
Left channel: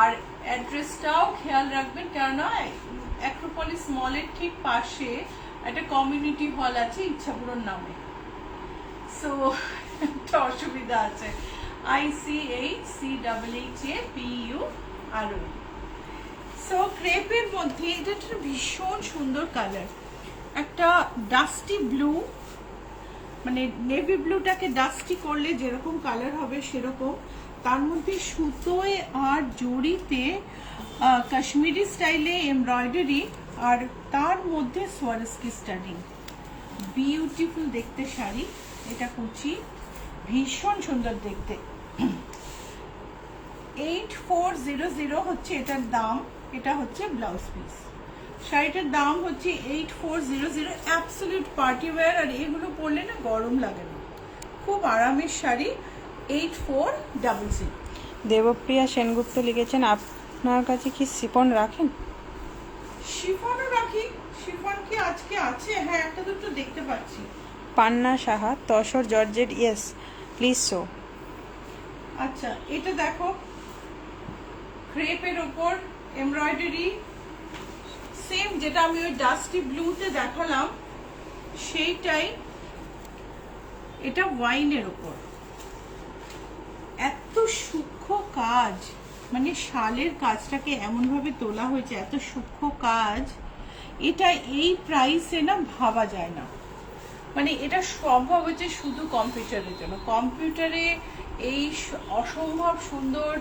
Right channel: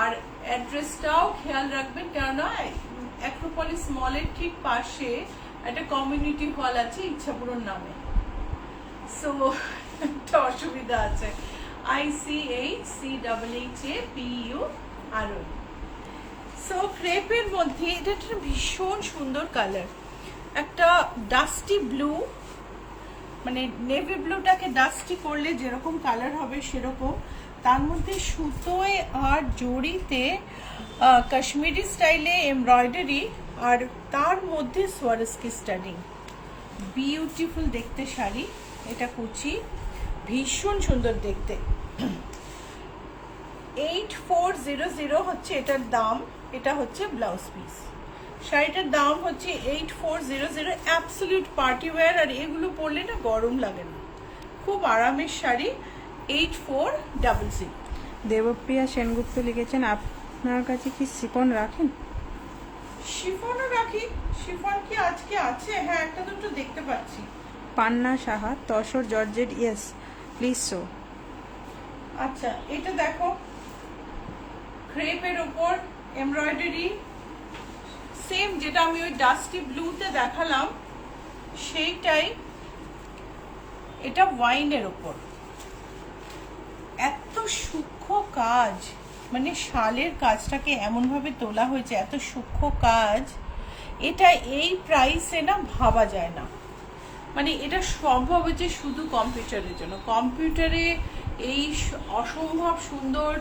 আর অ্যাড্রেসটাও খেয়াল রাখবেন, কেননা অ্যাক্রোপলিস মলের ঠিক পাশে একটা কমিউনিটি হল আছে ইচ্ছাপুরন নামে। সো একটা অসুবিধা আছে, ICHCHHAPURON। সো ক্রেপের মধ্যে এটা একটা ভীষণ সুন্দর কালার, একটা ডাস্টি ব্লু, মানে নেভি ব্লুটাকে ডাস্টি করলে যেরকম কালার হবে সেরকম। তার মধ্যে সুতোয় আর জড়িতে কাশ্মীরি স্টাইলে এমব্রয়ডারি, আর তার মধ্যে সোয়ারস্কি স্টাডিং। বিউটিফুল দেখতে শাড়ি, এটা কুচি, ভীষণ সুন্দর দেখতে। 8400 হচ্ছে এটার দাম। এটা হচ্ছে ব্লাউজ পিস। শাড়িটার দাম হচ্ছে 8400। অ্যাবসলিউট পার্টি ওয়্যার, আর এগুলো পরলে না গরম লাগে না, খুব আরামের শাড়ি। 8400। দেবপ্রিয়া সেনগুপ্ত লিখেছেন, আপনার কাছে কি শিফন রাখেন? শিফনও রাখি। শিফন কি আজকে আছে? হ্যাঁ, একটা দুটো দেখতে পাচ্ছি। Panna Saha, tussar georgette, yes please show. আচ্ছা, এটা দেখো, ক্রেপের ওপর এমব্রয়ডারি, সেম যেটা আমি ওই ডাস্টি ব্লুতে দেখালাম সেইটাই। এটা ওয়াইনের ওপর, এত সূক্ষ্ম কাজ, মানে শালের কাজটাকে এমন ভাবে তোলা হয়েছে, এত সূক্ষ্ম কাজ। এটা এই প্রাইসে না ভাবা যায় না, মানে এটা সম্ভব হচ্ছে শুধু কম্পিউটারের জন্য। কম্পিউটারে এই অসম্ভব সুন্দর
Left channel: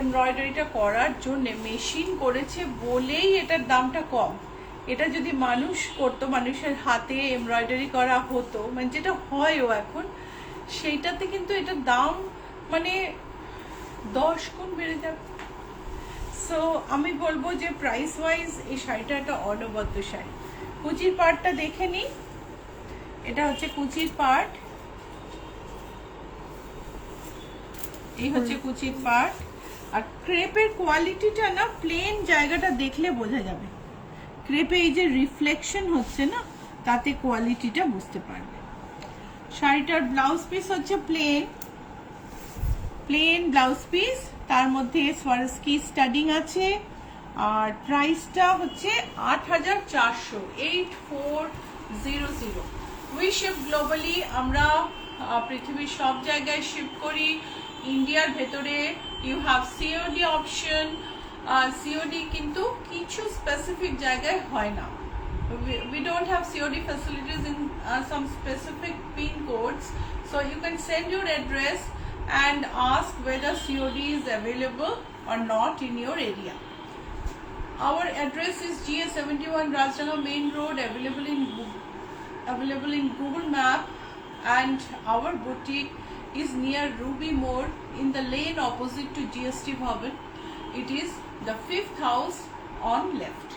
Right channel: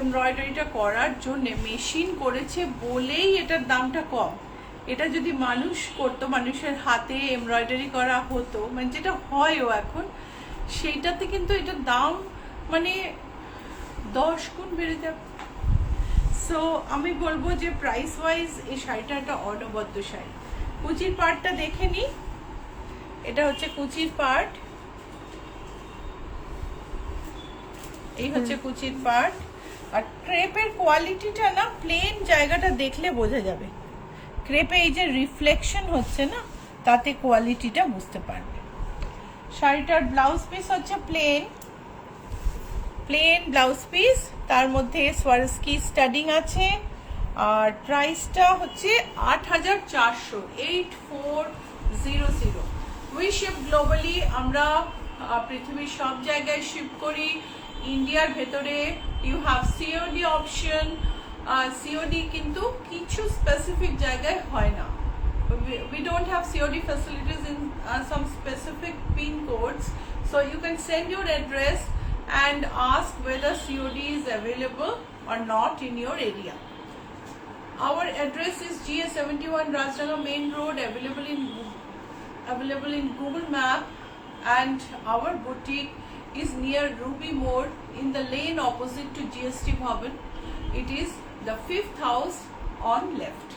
এমব্রয়ডারিটা করার জন্য মেশিন করেছে বলেই এটার দামটা কম। এটা যদি মানুষ করতো, মানুষের হাতে এমব্রয়ডারি করা হতো, মানে যেটা হয়ও এখন, সেইটাতে কিন্তু এটার দাম মানে 10 গুণ বেড়ে যাবে। সো আমি বলবো যে প্রাইস ওয়াইজ এই শাড়িটা একটা অনবদ্য শাড়ি। কুচির পার্টটা দেখে নিই। এটা হচ্ছে কুচির পার্ট, এই হচ্ছে কুচির পার্ট। আর ক্রেপের কোয়ালিটিটা না প্লেন জায়গাটা দেখলে বোঝা যাবে, ক্রেপে এই যে রিফ্লেকশন হচ্ছে না তাতে কোয়ালিটিটা বুঝতে পারবে। শাড়িটার ব্লাউজ পিস হচ্ছে প্লেন ব্লাউজ পিস, তার মধ্যে সোয়ারস্কি স্টাডিং আছে। আর প্রাইসটা হচ্ছে 8,400, 8400। উই শিপ গ্লোবালি, আমরা পৃথিবীর সব জায়গায় শিপ করি। ইন্ডিয়ার ভেতরে you have COD option. COD কিন্তু কিছু স্পেসিফিক জায়গায় হয় না। We don't have COD facilities in some specific pin codes, so you can send your address and ask whether COD is available or not in your area. Our address is GA71 Rajnagar Main Road, available in Google Map, and our boutique is near Ruby Mode in the lane opposite to GST Bhavan. It is the 5th house on left.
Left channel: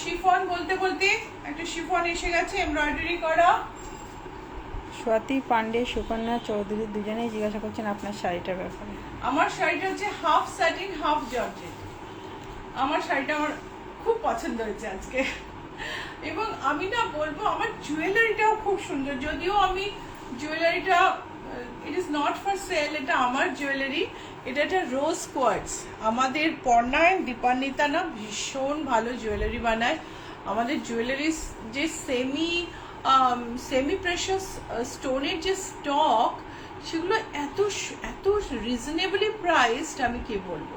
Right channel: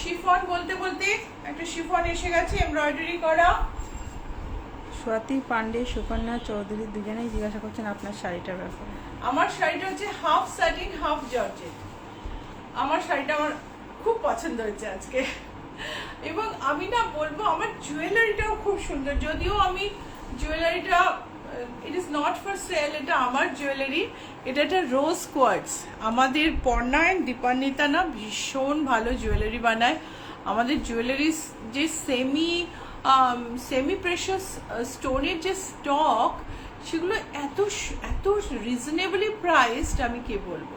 Chiffon বলতে বলতে একটা শিফন এসে গেছে এমব্রয়ডারি করা। স্বাতি পান্ডে, সুকন্যা চৌধুরী দুজনেই জিজ্ঞাসা করছেন আপনার শাড়িটার ব্যাপারে। আমার শাড়িটা হচ্ছে হাফ স্যাটিন হাফ জর্জেট। আমার শাড়িটা আমার খুব পছন্দ হয়েছে আজকে, এবং আমি না বলবো আমার জুয়েলারিটাও খুব সুন্দর। যদিও আমি জুয়েলারিটা it is not for sale, এটা আমার জুয়েলারি। এটা একটা রোজ কোয়ার্টস। আমাদের পর্ণায় দীপান্বিতা না ভীষণ ভালো জুয়েলারি বানায়। আমাদের জুয়েলারি যে সেমি প্রেশাস স্টোনের যে স্টক, সেগুলো এত এত রিজনেবলি প্রাইসড, আমি কি বলবো।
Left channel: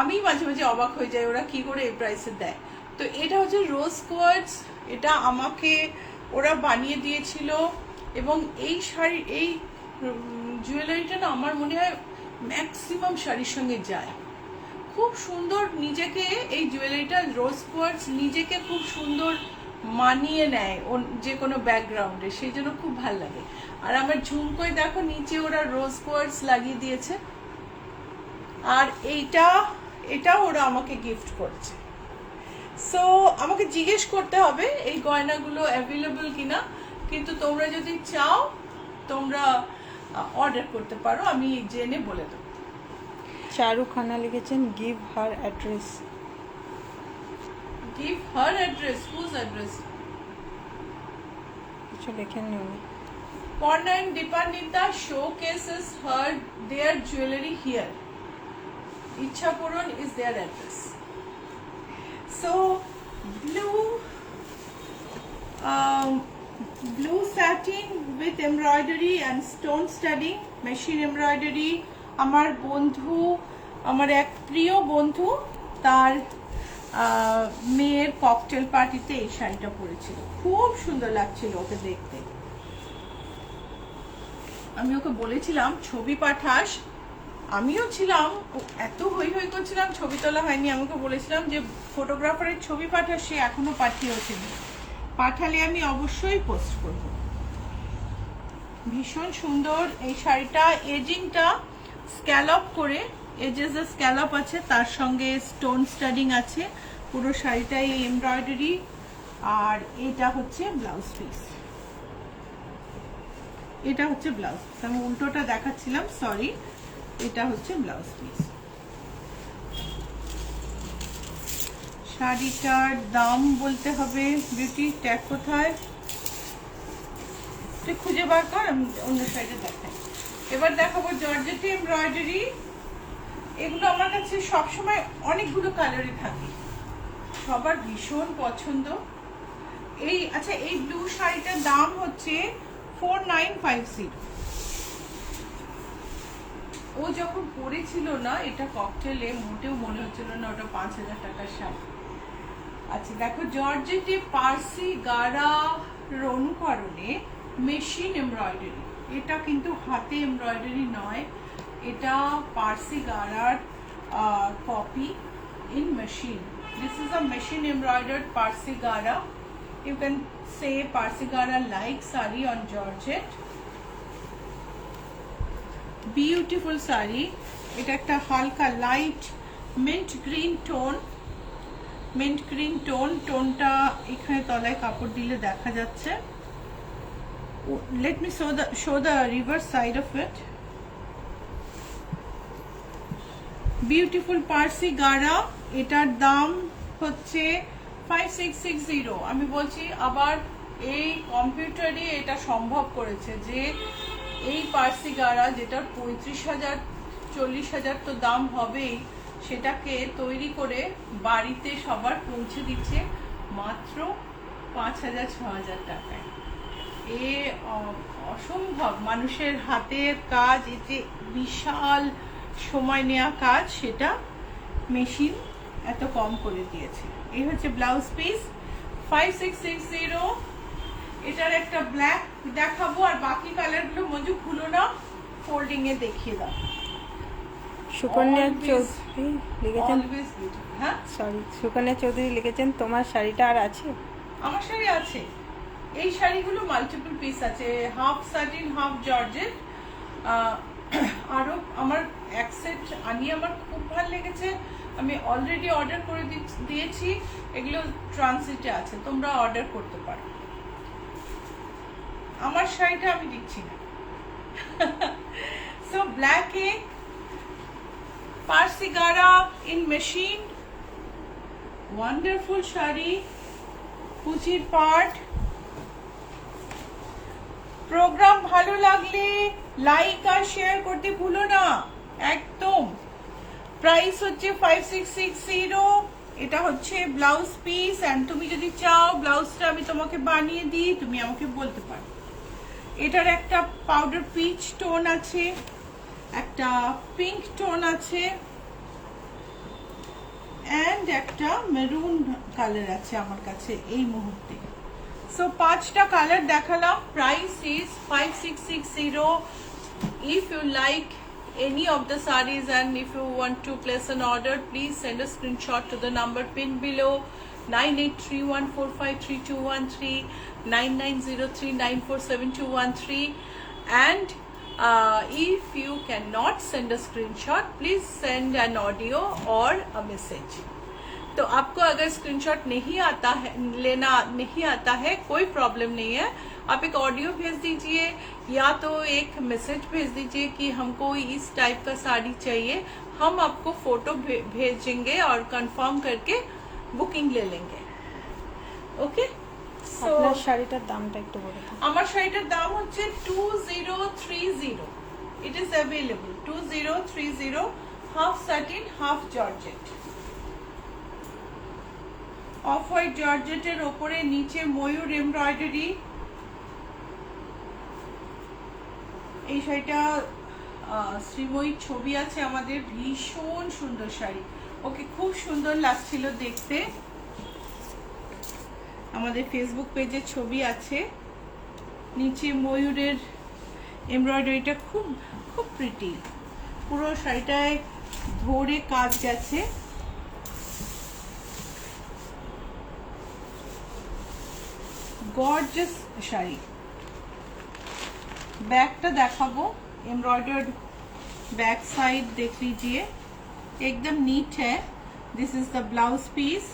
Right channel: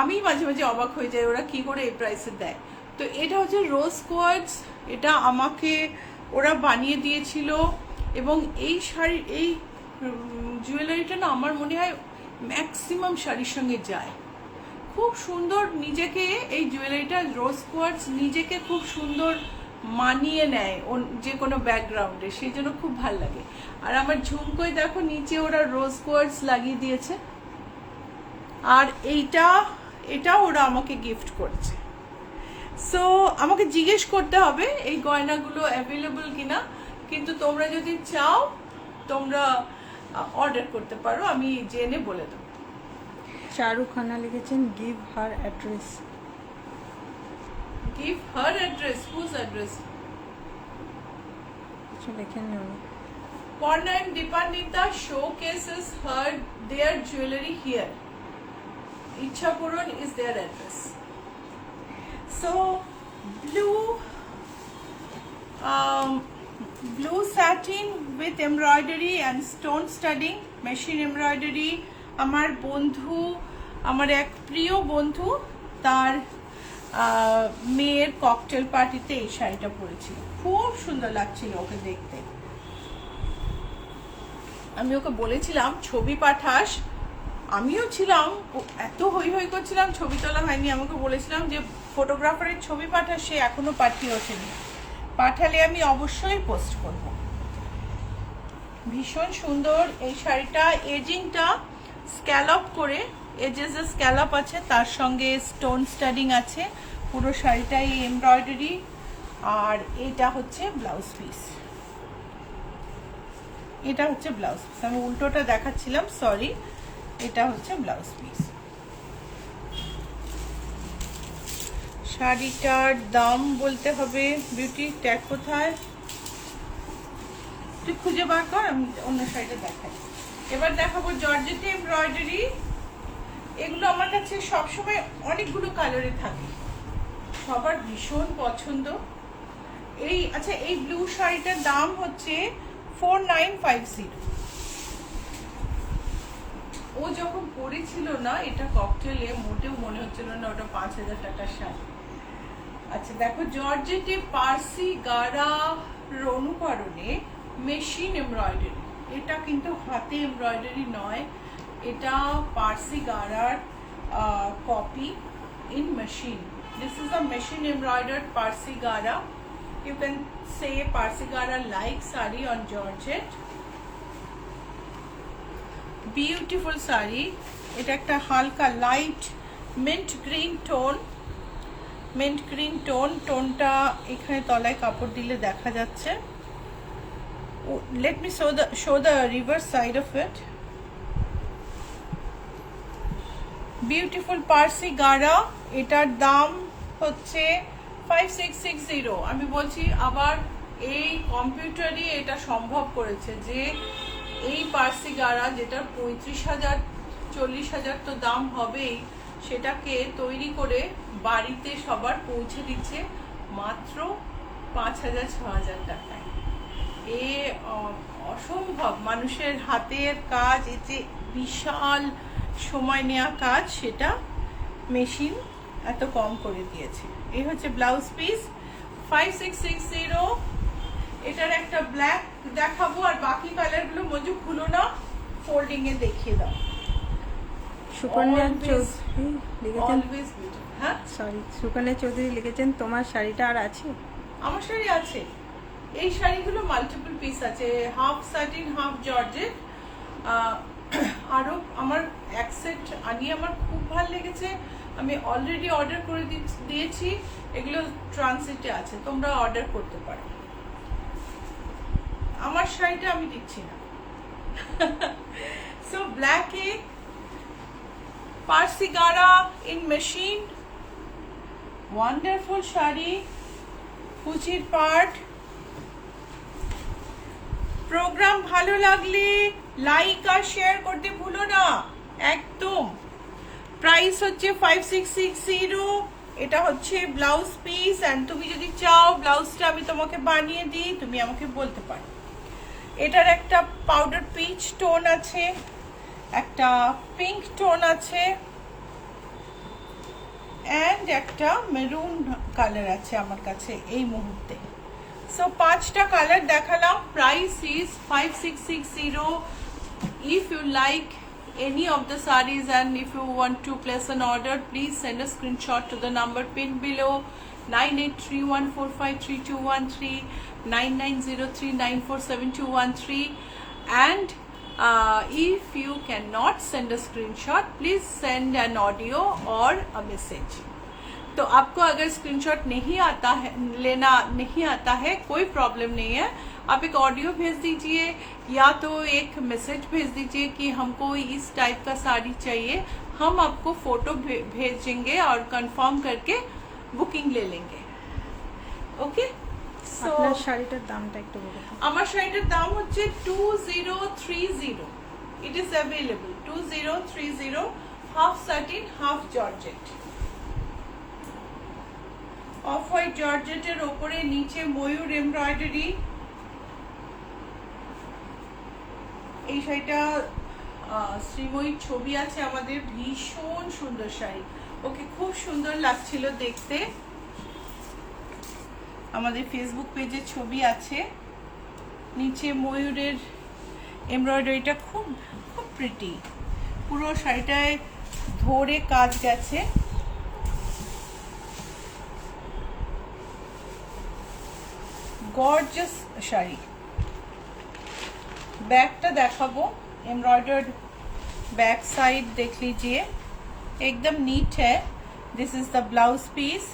আমি মাঝে মাঝে অবাক হয়ে যাই ওরা কি করে এই প্রাইসে দেয়। তো এটা হচ্ছে রোজ কোয়ার্টস, এটা আমাকে ওরা বানিয়ে দিয়েছিল। এবং এই শাড়ি এই জুয়েলারিটা না আমার মনে হয় ম্যাক্সিমাম শাড়ির সঙ্গে যায়। খুব সুন্দর নিজেকে এই জুয়েলারিটা রোজ কোয়ার্টস নিজেকে খুব সুন্দর মানিয়ে নেয় যে কোনো ব্যাকগ্রাউন্ডে, সেই জন্য খুব ভাল লাগে। আর আমার ঝুমকোয় দেখো নিচে ওরা রোজ কোয়ার্টস লাগিয়ে দিয়েছে। আর এটা ওরা আমাকে গিফট করেছে। সো আমাকে জিজ্ঞেস করতে হবে এই গয়নাগুলো অ্যাভেলেবল কিনা, কিন্তু তোমরা যদি চাও তোমরা অর্ডার করতে পারো, আমি জেনে বলে দেবো। চারু খান্না লিখেছেন give her address. Give her address? Whose address? কিছু লেখেননি উনি। Porna and Deepanita showcases their jewelry here. Ichhapuran is their address. So blue satin with embroidery and stone studding, machine embroidery. আমার বন্ধু, আমার এক প্রিয় বন্ধু, তার মেয়ের ককটেল পার্টিতে এই শাড়িটা পরেছিল। খুব সুন্দর লাগছিল ওকে দেখতে। আমি ওকে বলেছিলাম ছবি পাঠাস, আমিও ছিলাম, এত হই হই করছিলাম, ছবি তোলা হয়নি। আমাকে বলেছিলাম যে ফটোগ্রাফারের ছবি পাঠাস, সে এখনো পাঠিয়েছেনি। পাঠালে আমি অবশ্যই পোস্ট করব। ভীষণ সুন্দর এই শাড়িটা। এজিংটা স্ক্যালপ করে, এজেস যে স্ক্যালপ আছে তার সঙ্গে স্টোন স্টাডিং আছে। পুরো শাড়িটাই এমব্রয়ডারি। আর এটা হচ্ছে ব্লাউজ পিস, এটা হচ্ছে ব্লাউজ পিস। আমি উল্টোটা দেখাচ্ছিলাম, সরি। এটা হচ্ছে ব্লাউজ পিস। শাড়িটার দাম বলতে হবে। বিউটি ট্যাগ কোথায় তুই খুঁজে বার কর, আমি অন্য শাড়িটা দেখাই। এবার দেখাবো জর্জেটে এমব্রয়ডারি। এগুলো আমার কাছে সবসময় অনেকগুলো কালারে থাকে, সবার ভীষণ পছন্দ। আচ্ছা, এই ব্লু শাড়িটার দাম হচ্ছে 4950। ও যখন পরেছিল না এটা ককটেলে, মোটেও মনে হচ্ছিল না ওটা 5000 টাকার শাড়ি। আচ্ছা দেখো, জর্জেটে পার্সি গাড়ার অনুকরণে মেশিন এমব্রয়ডারি। এটা কিন্তু হাতে এমব্রয়ডারি নয়, এটা Parsi gara copy in machine. This is a machine embroidered Parsi gara. You can say Parsi Gara like sari on Georgette. Beautiful sari. এটা একটা হালকা light mint green tone. Mint green টোনটা এখানে তলায় কাপড় দিলে দেখা যাচ্ছে। Let me show the reverse side of it. Beautiful Parsi gara, এটার দাম হচ্ছে 5660। আমি বলছি আবার, এই কম্পিউটারে এটা সম্ভব করেছে যে এই পার্সি গাড়া যেটা 35,000 40,000 তো দাম হবেই, সেটাকে তৈরি করে বাড়িতে সবার পৌঁছে দিচ্ছে মাত্র 5,000-6,000 টাকায়। এ অসম্ভব মানুষের হাতের কাজ, এই যে বিশাল সময় নেওয়া কাজ, সেটা মেশিন এত কম করে দিয়েছে। এই হচ্ছে ব্লাউজ পিস 5660। এটার একটা ব্ল্যাক দেখাবো, আর বাকি কালারগুলো মঞ্জু খুলো না, ফোল্ডিং এ দেখিয়ে দাও। সুকন্যা চৌধুরী লিখেছেন, অলওয়েজ বিউটিফুল। হ্যাঁ, সরি, সুকন্যা চৌধুরী লিখেছেন তোমার শাড়িটা আর আছে? আমার শাড়ি আছে। এই শাড়িগুলো মাল্টিপল পিস আছে, হাফ সাটিন হাফ জর্জেট। আরো আমার এক সেট আনিয়ে আমার খুব ভালো লেগেছে, আমি অলরেডি অর্ডার করে দিয়েছি। এগুলো ট্রানজিটে আছে, তোমরা অর্ডার করতে পারো। আমার শাড়িটা আমি দিচ্ছি না। সো ব্ল্যাক এ পার্সি গাড়া ইন মেশিন, ওয়ান্ডারফুল শাড়ি, কুচির পার্ট। প্রোগ্রাম ভালো লাগলে লাইক আর শেয়ার করতে ভুলো না একদম। প্রাইস হচ্ছে 5660। এটা হচ্ছে ব্লাউজ পিস, এন্ড তুমি যদি চাও ব্লাউজটা আমি তোমাকে বানিয়ে দিই, তুমি আমাকে বলতে পারো। এটার একটা পাউডার পিচ টোন আছে, একটা পিঙ্ক টোন আছে, এন্ড একটা মেরুন কালার আছে আমার কাছে এই মুহূর্তে। সো 5টা কালার দেখালাম। Price is 5660। If you like any of the sarees and if you want to place an order, please send a screenshot to the number pinned below 9831453213, 9903947213. And if you cannot send a screenshot, please send an audio or a message. तो आपको अगर स्क्रीनशॉट नहीं आता है, लेना नहीं आता है, कोई प्रॉब्लम नहीं है। आप एक ऑडियो भेज दीजिए या तो एक मैसेज भेज दीजिए कि हमको इस टाइप का साड़ी चाहिए, हम आपको फोटो भेजेंगे और कंफर्म करके बुकिंग ले लेंगे। ओके, আপনার শাড়িটার দামটা একটু বলো তো। আমার শাড়িটার দাম হচ্ছে 2030। It is available 2030, half satin half georgette. Off white জর্জেটের ওপরে নিচে ময়ূর এমব্রয়ডারি। এই শাড়িটা শ্রীময়ীর ছবি আছে আমাদের, ভীষণ সুন্দর শাড়ি, ওকে খুব সুন্দর লাগছিল দেখতে। আমাদের ফেসবুক পেজে ছবি আছে, নিচে ময়ূরের এমব্রয়ডারিটা খুব খুব প্রিটি, পুরো শাড়িটায় ধরে কাজ গেছে। গর্জিয়াস শাড়ি। बैकটা দেখাবো, एम्ब्रॉयडर्ड बैक साइड देख लीजिए, एकदम नीट है। This is the blouse piece.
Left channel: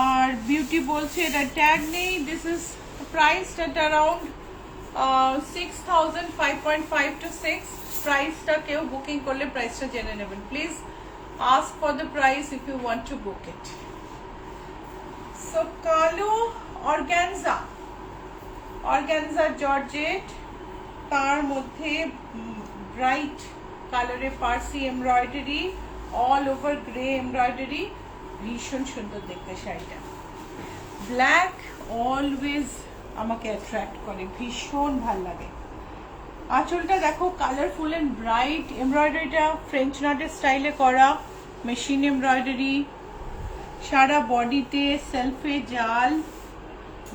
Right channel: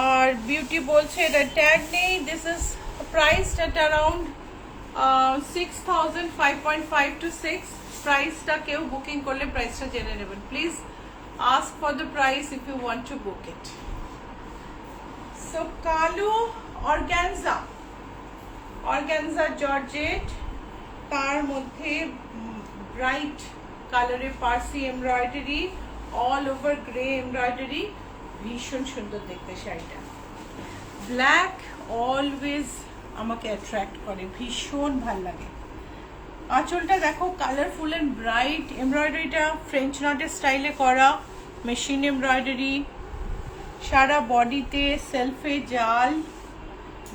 और ब्यूटी बोलছে এটা ট্যাগ নেই। This is priced at around 6000, 5.5 to 6। প্রাইসটা কেউ বুকিং করলে প্রাইসটা জেনে নেবেন। Please ask for the price if you want to book it. So কালো অর্গানজা, অর্গানজা জর্জেট, তার মধ্যে ব্রাইট কালারে Parsi embroidery, all over grey embroidery, ভীষণ সুন্দর দেখতে শাড়িটা। ব্ল্যাক অলওয়েজ আমাকে অ্যাট্রাক্ট করে, ভীষণ ভালো লাগে। আঁচলটা দেখো কালারফুল এন্ড ব্রাইট, এমব্রয়ডারিটা ফ্রেঞ্চ নটের স্টাইলে করা, মেশিন এমব্রয়ডারি, সারা বডিতে সেলফে জাল,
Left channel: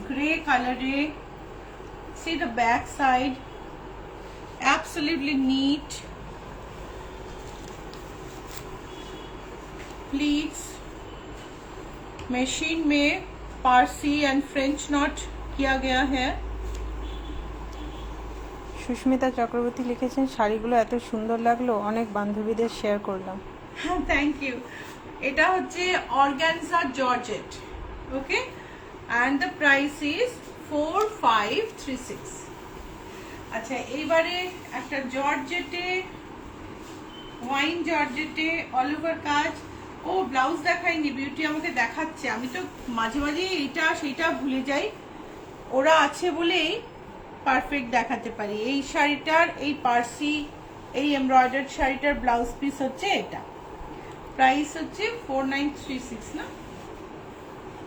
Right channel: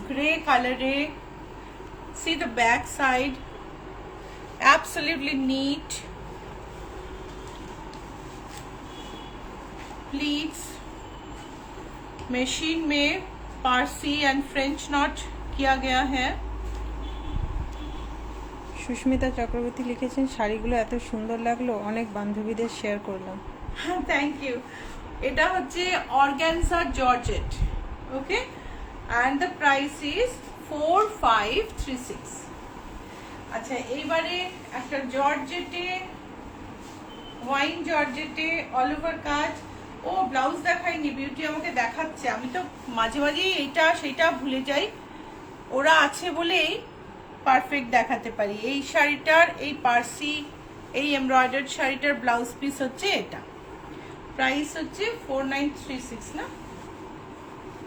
গ্রে কালারে। See the back side, absolutely neat. Pleats machine में पारसी एंड फ्रेंच नॉट किया गया है। সুস্মিতা চক্রবর্তী লিখেছেন শাড়িগুলো এত সুন্দর লাগলো, অনেক বান্ধবীদের শেয়ার করলাম। Thank you. এটা হচ্ছে organza georgette, okay, and the price is 4536। আচ্ছা, এইবারে একটা জর্জেটে, ওয়াইন জর্জেটে অল ওভার কাজ। ও ব্লাউজ দেখায়নি, বিউটি আমাকে দেখাচ্ছে। আমি তো মাঝে মাঝে এটা সেটা ভুলে যাই, ওরা আছে বলেই পারফেক্ট দেখাতে পারি। এই শাড়িটার, এই পার্সি, এই এমব্রয়ডার্ড শাড়িটার ব্লাউজ পিস হচ্ছে এটা। প্রাইস হচ্ছে 4936 না,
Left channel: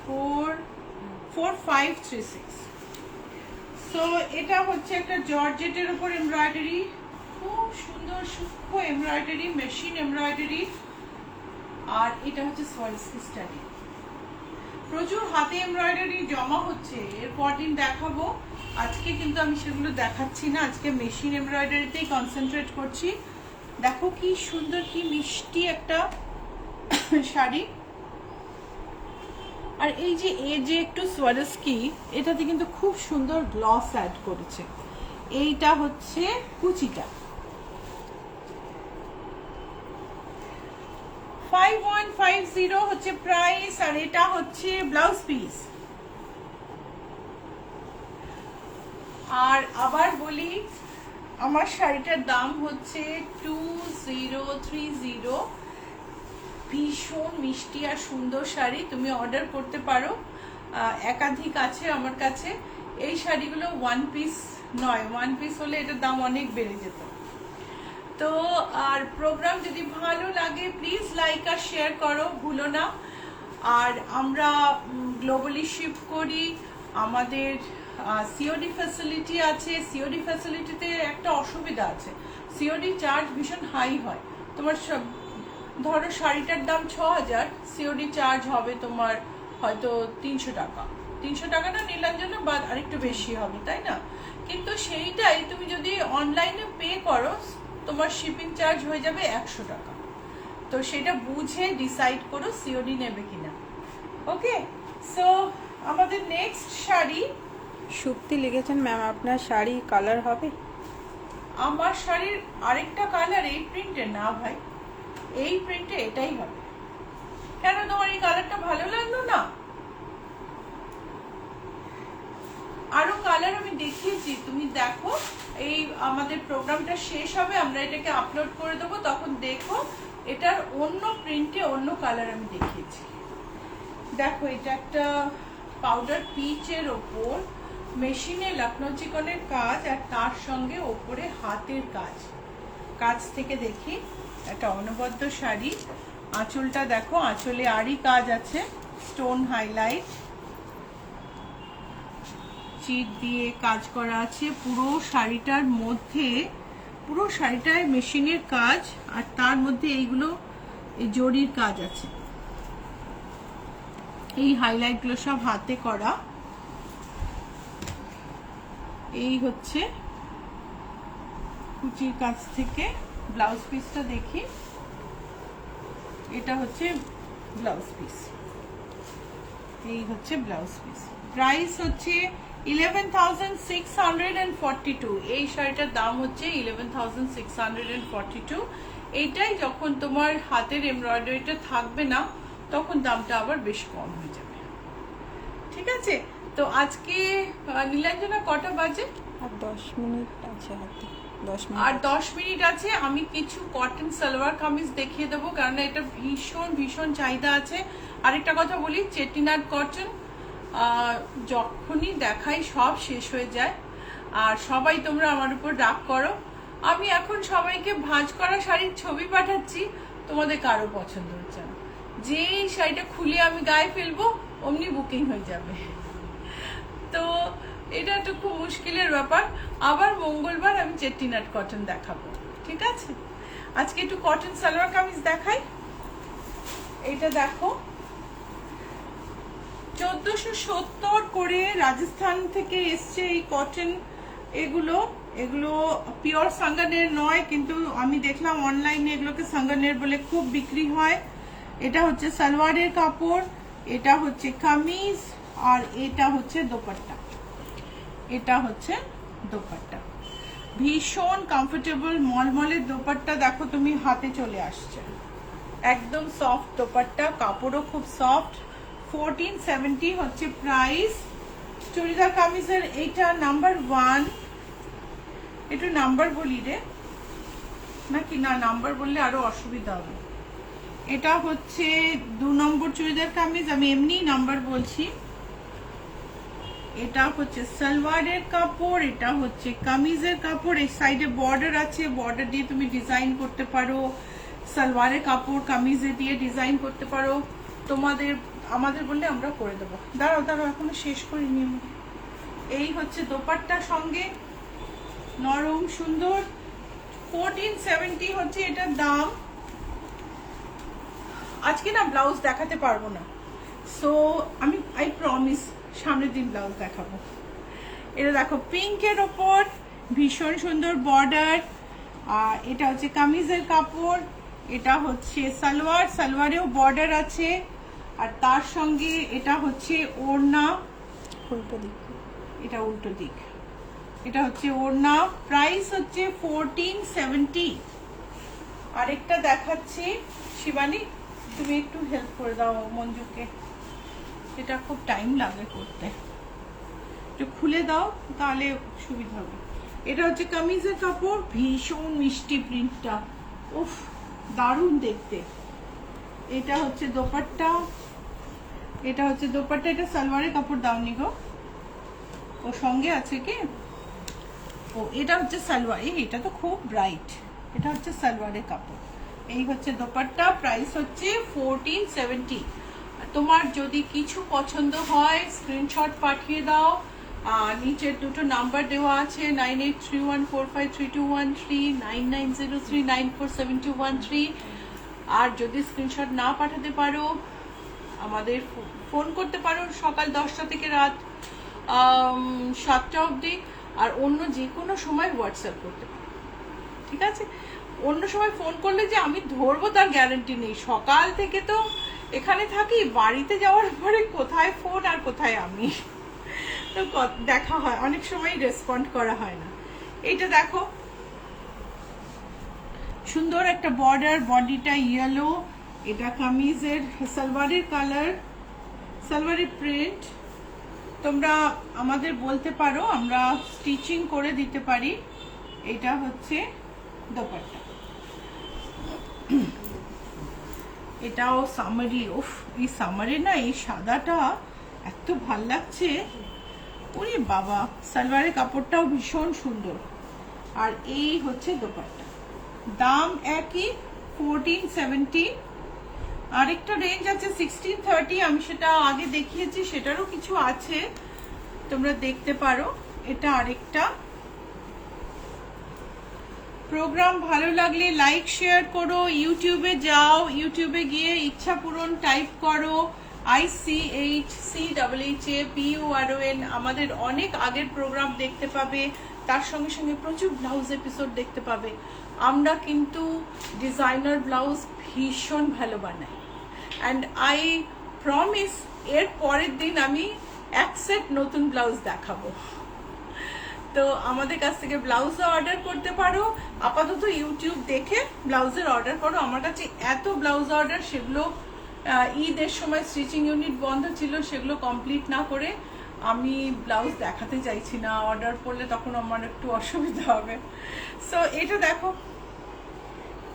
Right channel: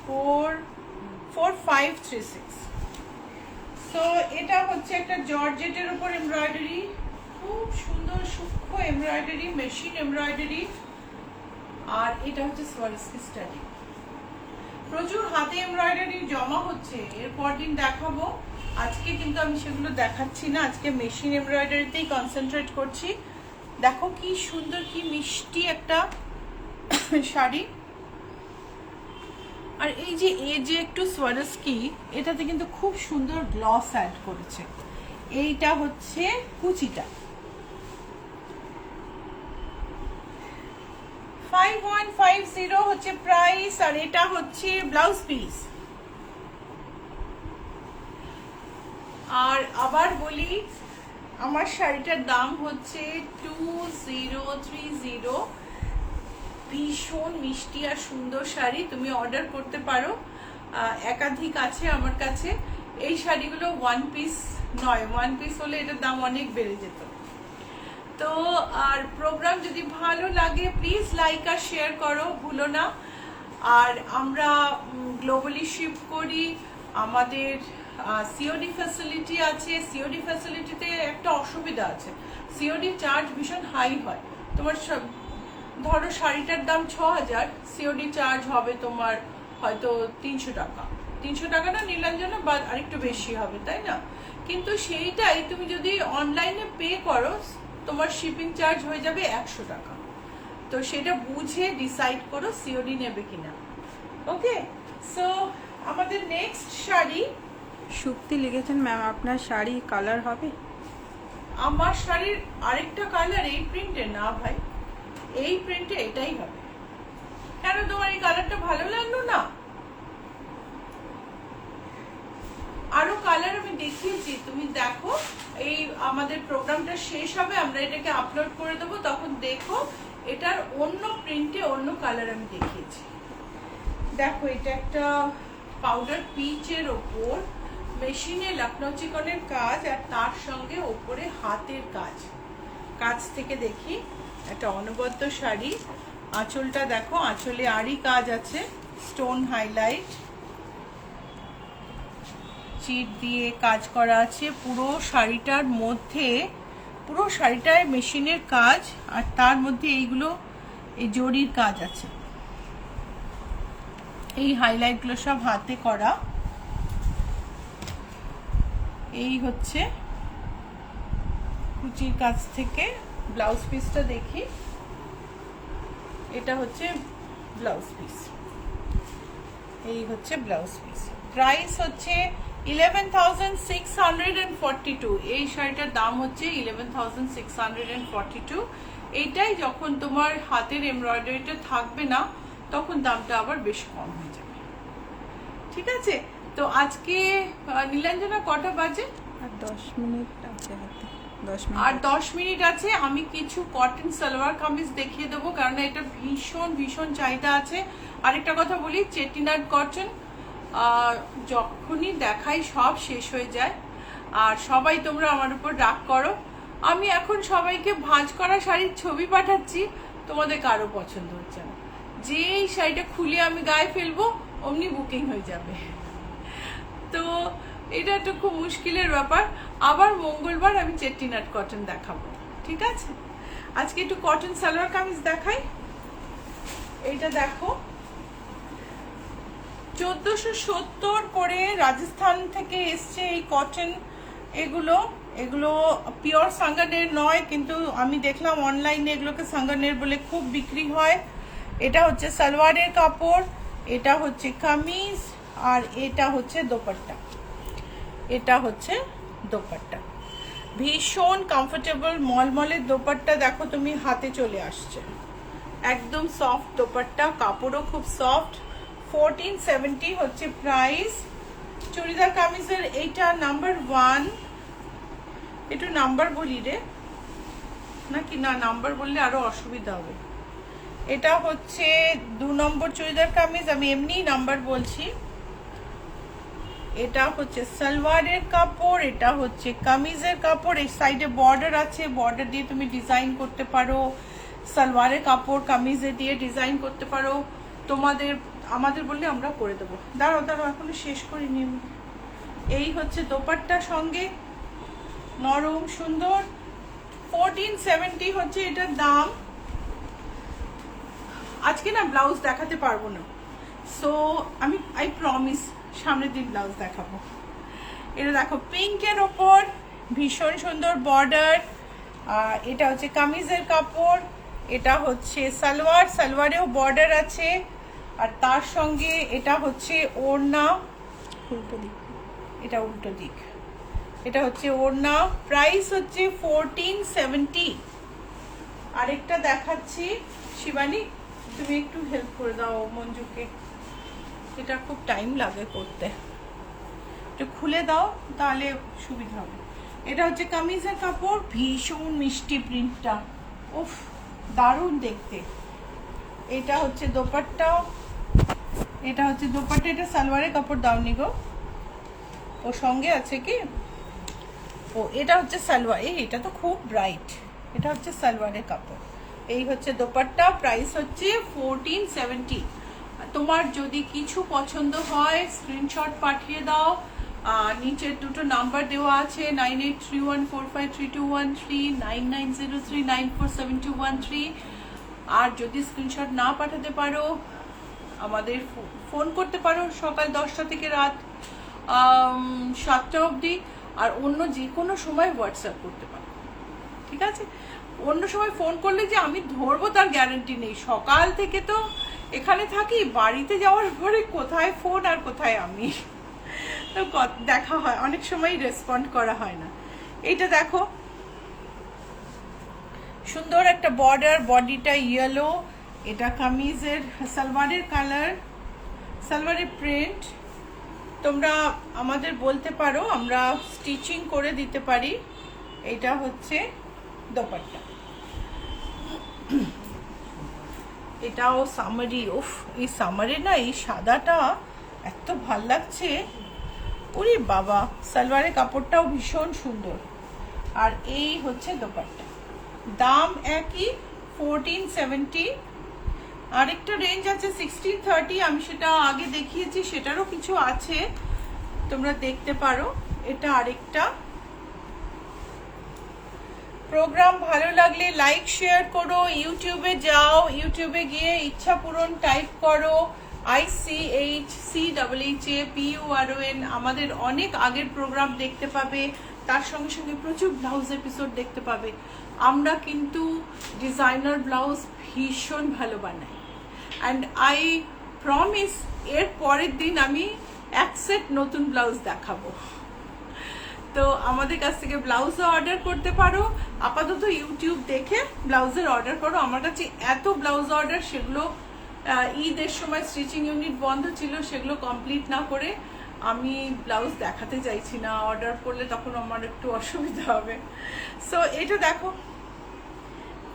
4536। সো এটা হচ্ছে একটা জর্জেটের উপর এমব্রয়ডারি, খুব সুন্দর সূক্ষ্ম এমব্রয়ডারি, মেশিন এমব্রয়ডারি। আর এটা হচ্ছে সোয়ারস্কি স্টাডি। প্রচুর হাতে এমব্রয়ডারি জমা হচ্ছে, এরপর দিন দেখাবো। আজকে কিন্তু আমি সেগুলো দেখাচ্ছি না, আজকে মেশিন এমব্রয়ডারিতেই কনসেন্ট্রেট করছি। দেখো কি সুন্দর, কি মিষ্টি একটা শাড়ি। আর এই যে একটু সোয়ারস্কি, এটাতে কিন্তু খুব সুন্দর গ্লস অ্যাড করেছে। এইটা হচ্ছে কুচিটা, 5150 হচ্ছে প্রাইস। আর এটা হচ্ছে ব্লাউজ পিস। আর আবার বলি, আমার শাড়িটার দাম হচ্ছে 2030। ভীষণ মিষ্টি আর সুন্দর শাড়ি, তুমি অর্ডার করতে পারো। একাধিক আছে আমার কাছে। এই শাড়িগুলো ওয়ান পিস নয়, ওয়ান পিস হলে এটার দাম অনেক বেড়ে যেত। তো আর প্রোগ্রাম যদি ভালো লাগে প্লিজ লাইক আর শেয়ার করো, ভুলো না। আর আমরা গ্লোবালি শিপ করি, আমাদের সিওডি ফ্যাসিলিটি আছে। সিওডি ফ্যাসিলিটিতে একটা অসুবিধা আছে, সিওডি চার্জ ভীষণ হাই হয়। তোমার ধরো শাড়িটার দাম 6000, সিওডি চার্জ হবে তোমার হয়তো 300 টাকা। 300 টাকাটা নীলাঞ্জনা বা আরেকটু বেশি হবে, তাই না? কিন্তু সেইটাই তুমি যদি অনলাইনে পে করো, তোমার শিপিং চার্জ হয়ে যাবে 100 টাকা। তো সেটা বুঝে ডিসাইড করো সিওডি নেবে কিনা। ওকে, সো আমাদের নেক্সট শাড়ি। সুপ্তি লিখেছেন, ম্যাম আপনার শাড়ি কালার হবে? আমার শাড়ির আরেকটা কালার এই প্রিন্টে না ভাই, এই প্রিন্টে এটাই হবে। কেন, তোমার এই কালারটা ভালো লাগলো না? আরো কালার আমি দেখিয়েছি, তুমি দেখো। এই আমাদের প্রোগ্রামটা শেষ হবে, আমরা এটাকে আপলোড করে দেবো, তখন দেখো এটার অন্য প্রিন্টে অন্য কালার আমি দেখিয়েছি। দেখো, এটা একটা পাউডার পিচের ওপর মেশিনে লখনৌ চিকনের কাজ, আর তার সঙ্গে ওপরে হাতের কাজ। কাজ থেকে দেখি, একটা অনবদ্য শাড়ি। আঁচলটা দেখো, আঁচলে আরই কাজ আছে, স্টোন হাইলাইট, চিট দিয়ে কাজ করা আছে। পুরো শাড়িটার মধ্যে, পুরো শাড়িটায় মেশিনের কাজ, আর তার মধ্যে এইগুলো এই জরির কাজ আছে। এই হাইলাইটগুলো সব হাতে করা। এই হচ্ছে কুচির কাছ থেকে ব্লাউজ পিসটা দেখি। এটা হচ্ছে ব্লাউজ পিস, এই হচ্ছে ব্লাউজ পিস। প্রাইস হচ্ছে 11,642। এই শাড়িটার দাম হচ্ছে 11,642। এইটাই যখন তোমার হাতের এমব্রয়ডারিটা থাকবে না, তখন দামটা আবার বেশি কম হয়ে যাবে। ঠিক আছে, তো আজকে নীলাঞ্জনা কটা বাজে? আর 10 মিনিট আছে হাতে, 10 মিনিট আর 10 মিনিট আছে। আমি কিছু কটন সালোয়ার কামিজ দেখিয়ে দেবো, কারণ এটা ভীষণ ভীষণ চাহিদা আছে। আরেকটা কথা বলি, চেটিনাট কটন যখনই দেখাই সব শেষ হয়ে যায়, আর সবাই তোমরা আমার উপর রাগ করো। আমি এখন সবাইকে ভাঁজ করা শাড়ির ছবি পাঠাচ্ছি, তোমাদের কারো পছন্দ হচ্ছে না। যেই শাড়িটা খুলে আমি গায়ে ফেলবো অমনি বুকিং হয়ে যাবে। তো এটা একটা খুব মুশকিলের ব্যাপার। আবার মঙ্গলবার আমি চেটিনাট কটন দেখাবো, ঠিক আছে? আজকে একটু কটন সালোয়ার কামিজ দেখাই। এইটা দেখো, 1470 করে রাজস্থান থেকে এসছে এই কটন। এগুলো পিওর সাঙ্গানের নয়, কিন্তু আমি দেখলাম অনলাইনে এগুলোকে সাঙ্গানের বলে খুব বিক্রি হয়। এটা হচ্ছে সালোয়ারের কাপড়, এটা হচ্ছে কামিজ, আর এটা হচ্ছে দোপাট্টা। এটা হচ্ছে দোপাট্টা, ভীষণ কমফোর্টেবল মলমলের দোপাট্টা। দেখো তুমি, হাতে চলে আসছে, একদম সফট দোপাট্টা, কাপড়ও খুব সফট। 1470 হচ্ছে প্রাইস। চুড়িদার কামিজের এইটা নাম্বার 1, একটু নাম্বার বলি রে নাকি না, নাম্বার বললে আরো অসুবিধা হবে। এটা হচ্ছে 2 নম্বর চুড়িদার কামিজ, আমি এমনি নাম্বার বলছি। এটা হচ্ছে সালোয়ারের কাপড়, এটা হচ্ছে কামিজের কাপড়। এই সাইডে বর্ডার আছে, বর্ডার দিয়ে তুমি ডিজাইন করতে পারো। সালোয়ারের কাপড় কামিজে দিয়ে ডিজাইন করতে পারো। তোমাদের আমাদের বললে আমরা করে দেবো। দাঁড়াও দাঁড়াও, এখনো শেষ করিনি। এই হচ্ছে দোপাট্টা সঙ্গে, নরম সুন্দর। 1470 হচ্ছে এটার দাম। আজকে না ব্লাউজ দেখাতে পারবো না, সো আমি আই প্রমিস সামনের দিন ব্লাউজ দেখাবো। এটা দেখো পিঙ্কের ওপর ভীষণ সুন্দর বর্ডার। এটা হচ্ছে কামিজের কাপড়, এটা হচ্ছে সালোয়ার, সালোয়ারেও বর্ডার আছে। আর তার সঙ্গে এটা হচ্ছে ওড়না, উল্টো দিক, এটা উল্টো দিক, এটা হচ্ছে ওড়না। প্রাইস হচ্ছে 1470। আরেকটা দেখাচ্ছি, শিবানী তুমি একটু হেল্প করে দাও মঞ্জুকে, এটা খুব টাইম লাগে করতে, এটা খুলে দাও তাহলে সুবিধা হবে। এটা হচ্ছে কামিজের কাপড়, ভীষণ মিষ্টি প্রিন্টটা, উফ দারুণ দেখতে। এটা হচ্ছে দোপাট্টা, এটা হচ্ছে দোপাট্টা। এটা সালোয়ারের কাপড় দাওনি গো, ও সঙ্গে আছে কি? ও এটা হচ্ছে সালোয়ার, এটা তো খুব ব্রাইট। এটা হচ্ছে সালোয়ারের কাপড়, এই হচ্ছে দোপাট্টা। প্রাইস হচ্ছে 1470। তোমার যদি কিছু পছন্দ হয় স্ক্রিনশট পাঠিয়ে দাও। নিচের দুটো নাম্বার দেওয়া আছে, 9831453213, 9903947213। আর যদি স্ক্রিনশট না পাঠাতে পারো আমাদের ফোন করতে পারো সকাল 10টা থেকে রাত 7টা অবধি। আর অন্য যে কোনো সময় হোয়াটসঅ্যাপ করতে পারো, ঠিক আছে? অন্য সময় ফোন করলে যে আমি ধরবো তার গ্যারান্টি নেই। সকাল থেকে তো এখানে থাকি, বাড়িতে যাওয়ার পরে কোথায় ফোন আর কোথায় আমি, তো দেখা হয় অনেক সময়, রেসপন্ড করা হয় না। এইটা দেখো সুন্দর একটা বর্ডার, বডিটা ইয়েলো। এটা কামিজের সালোয়ারের কালার, সালোয়ারের প্রিন্ট। তোমরা আমাদের বলতে পারো, আমরা স্টিচিং করে দিতে পারি। এটা হচ্ছে দোপাট্টা, এটাও সামারি। উফ এই সামারে না এই সাদাটা এত ভাল লাগছে, ওরে বাবা। সালোয়ারের কাপড়টাও ভীষণ সুন্দর। আর এই হচ্ছে দোপাট্টা, দাম একই 1470। আরেকটা রেঞ্জ আছে 1630, আমি সেটা আগে দেখিয়েছি, সেটারও কিছু আছে, তোমরা দেখতে পারো। এটা আরেকটা। প্রোগ্রাম ভালো লাগলে লাইক শেয়ার করো, ইউটিউবে যাও, ইউটিউবে গিয়ে ইচ্ছা পূরণ টাইপ করো, ICHCHAPURON। আমাদের অনেক আগের প্রোগ্রাম দেখতে পাবে, তার সঙ্গে সঙ্গে প্রচুর ব্লাউজ এপিসোড দেখতে পাবে। আমরা কিন্তু ডিজাইনার ব্লাউজ ভীষণ ভালো বানাই, অ্যান্ড আই প্রমিস এর পরের দিন আমি এক সেট নতুন ব্লাউজ দেখাবো। তো আমাদের কাছ থেকে ব্লাউজও অর্ডার করতে পারো। আপাতত ইউটিউব দেখে ব্লাউজের অর্ডার করো। আমার কাছে এত ব্লাউজ অর্ডার, সেগুলো ঈদের সময় স্টিচিং ইউনিট বন্ধ ছিল, সেগুলো কমপ্লিট না করে আমি ব্লাউজ দেখাতে চাইছি না। অর্ডার করলে তখন আমার একটু অসুবিধা হবে। সো এটা দেখো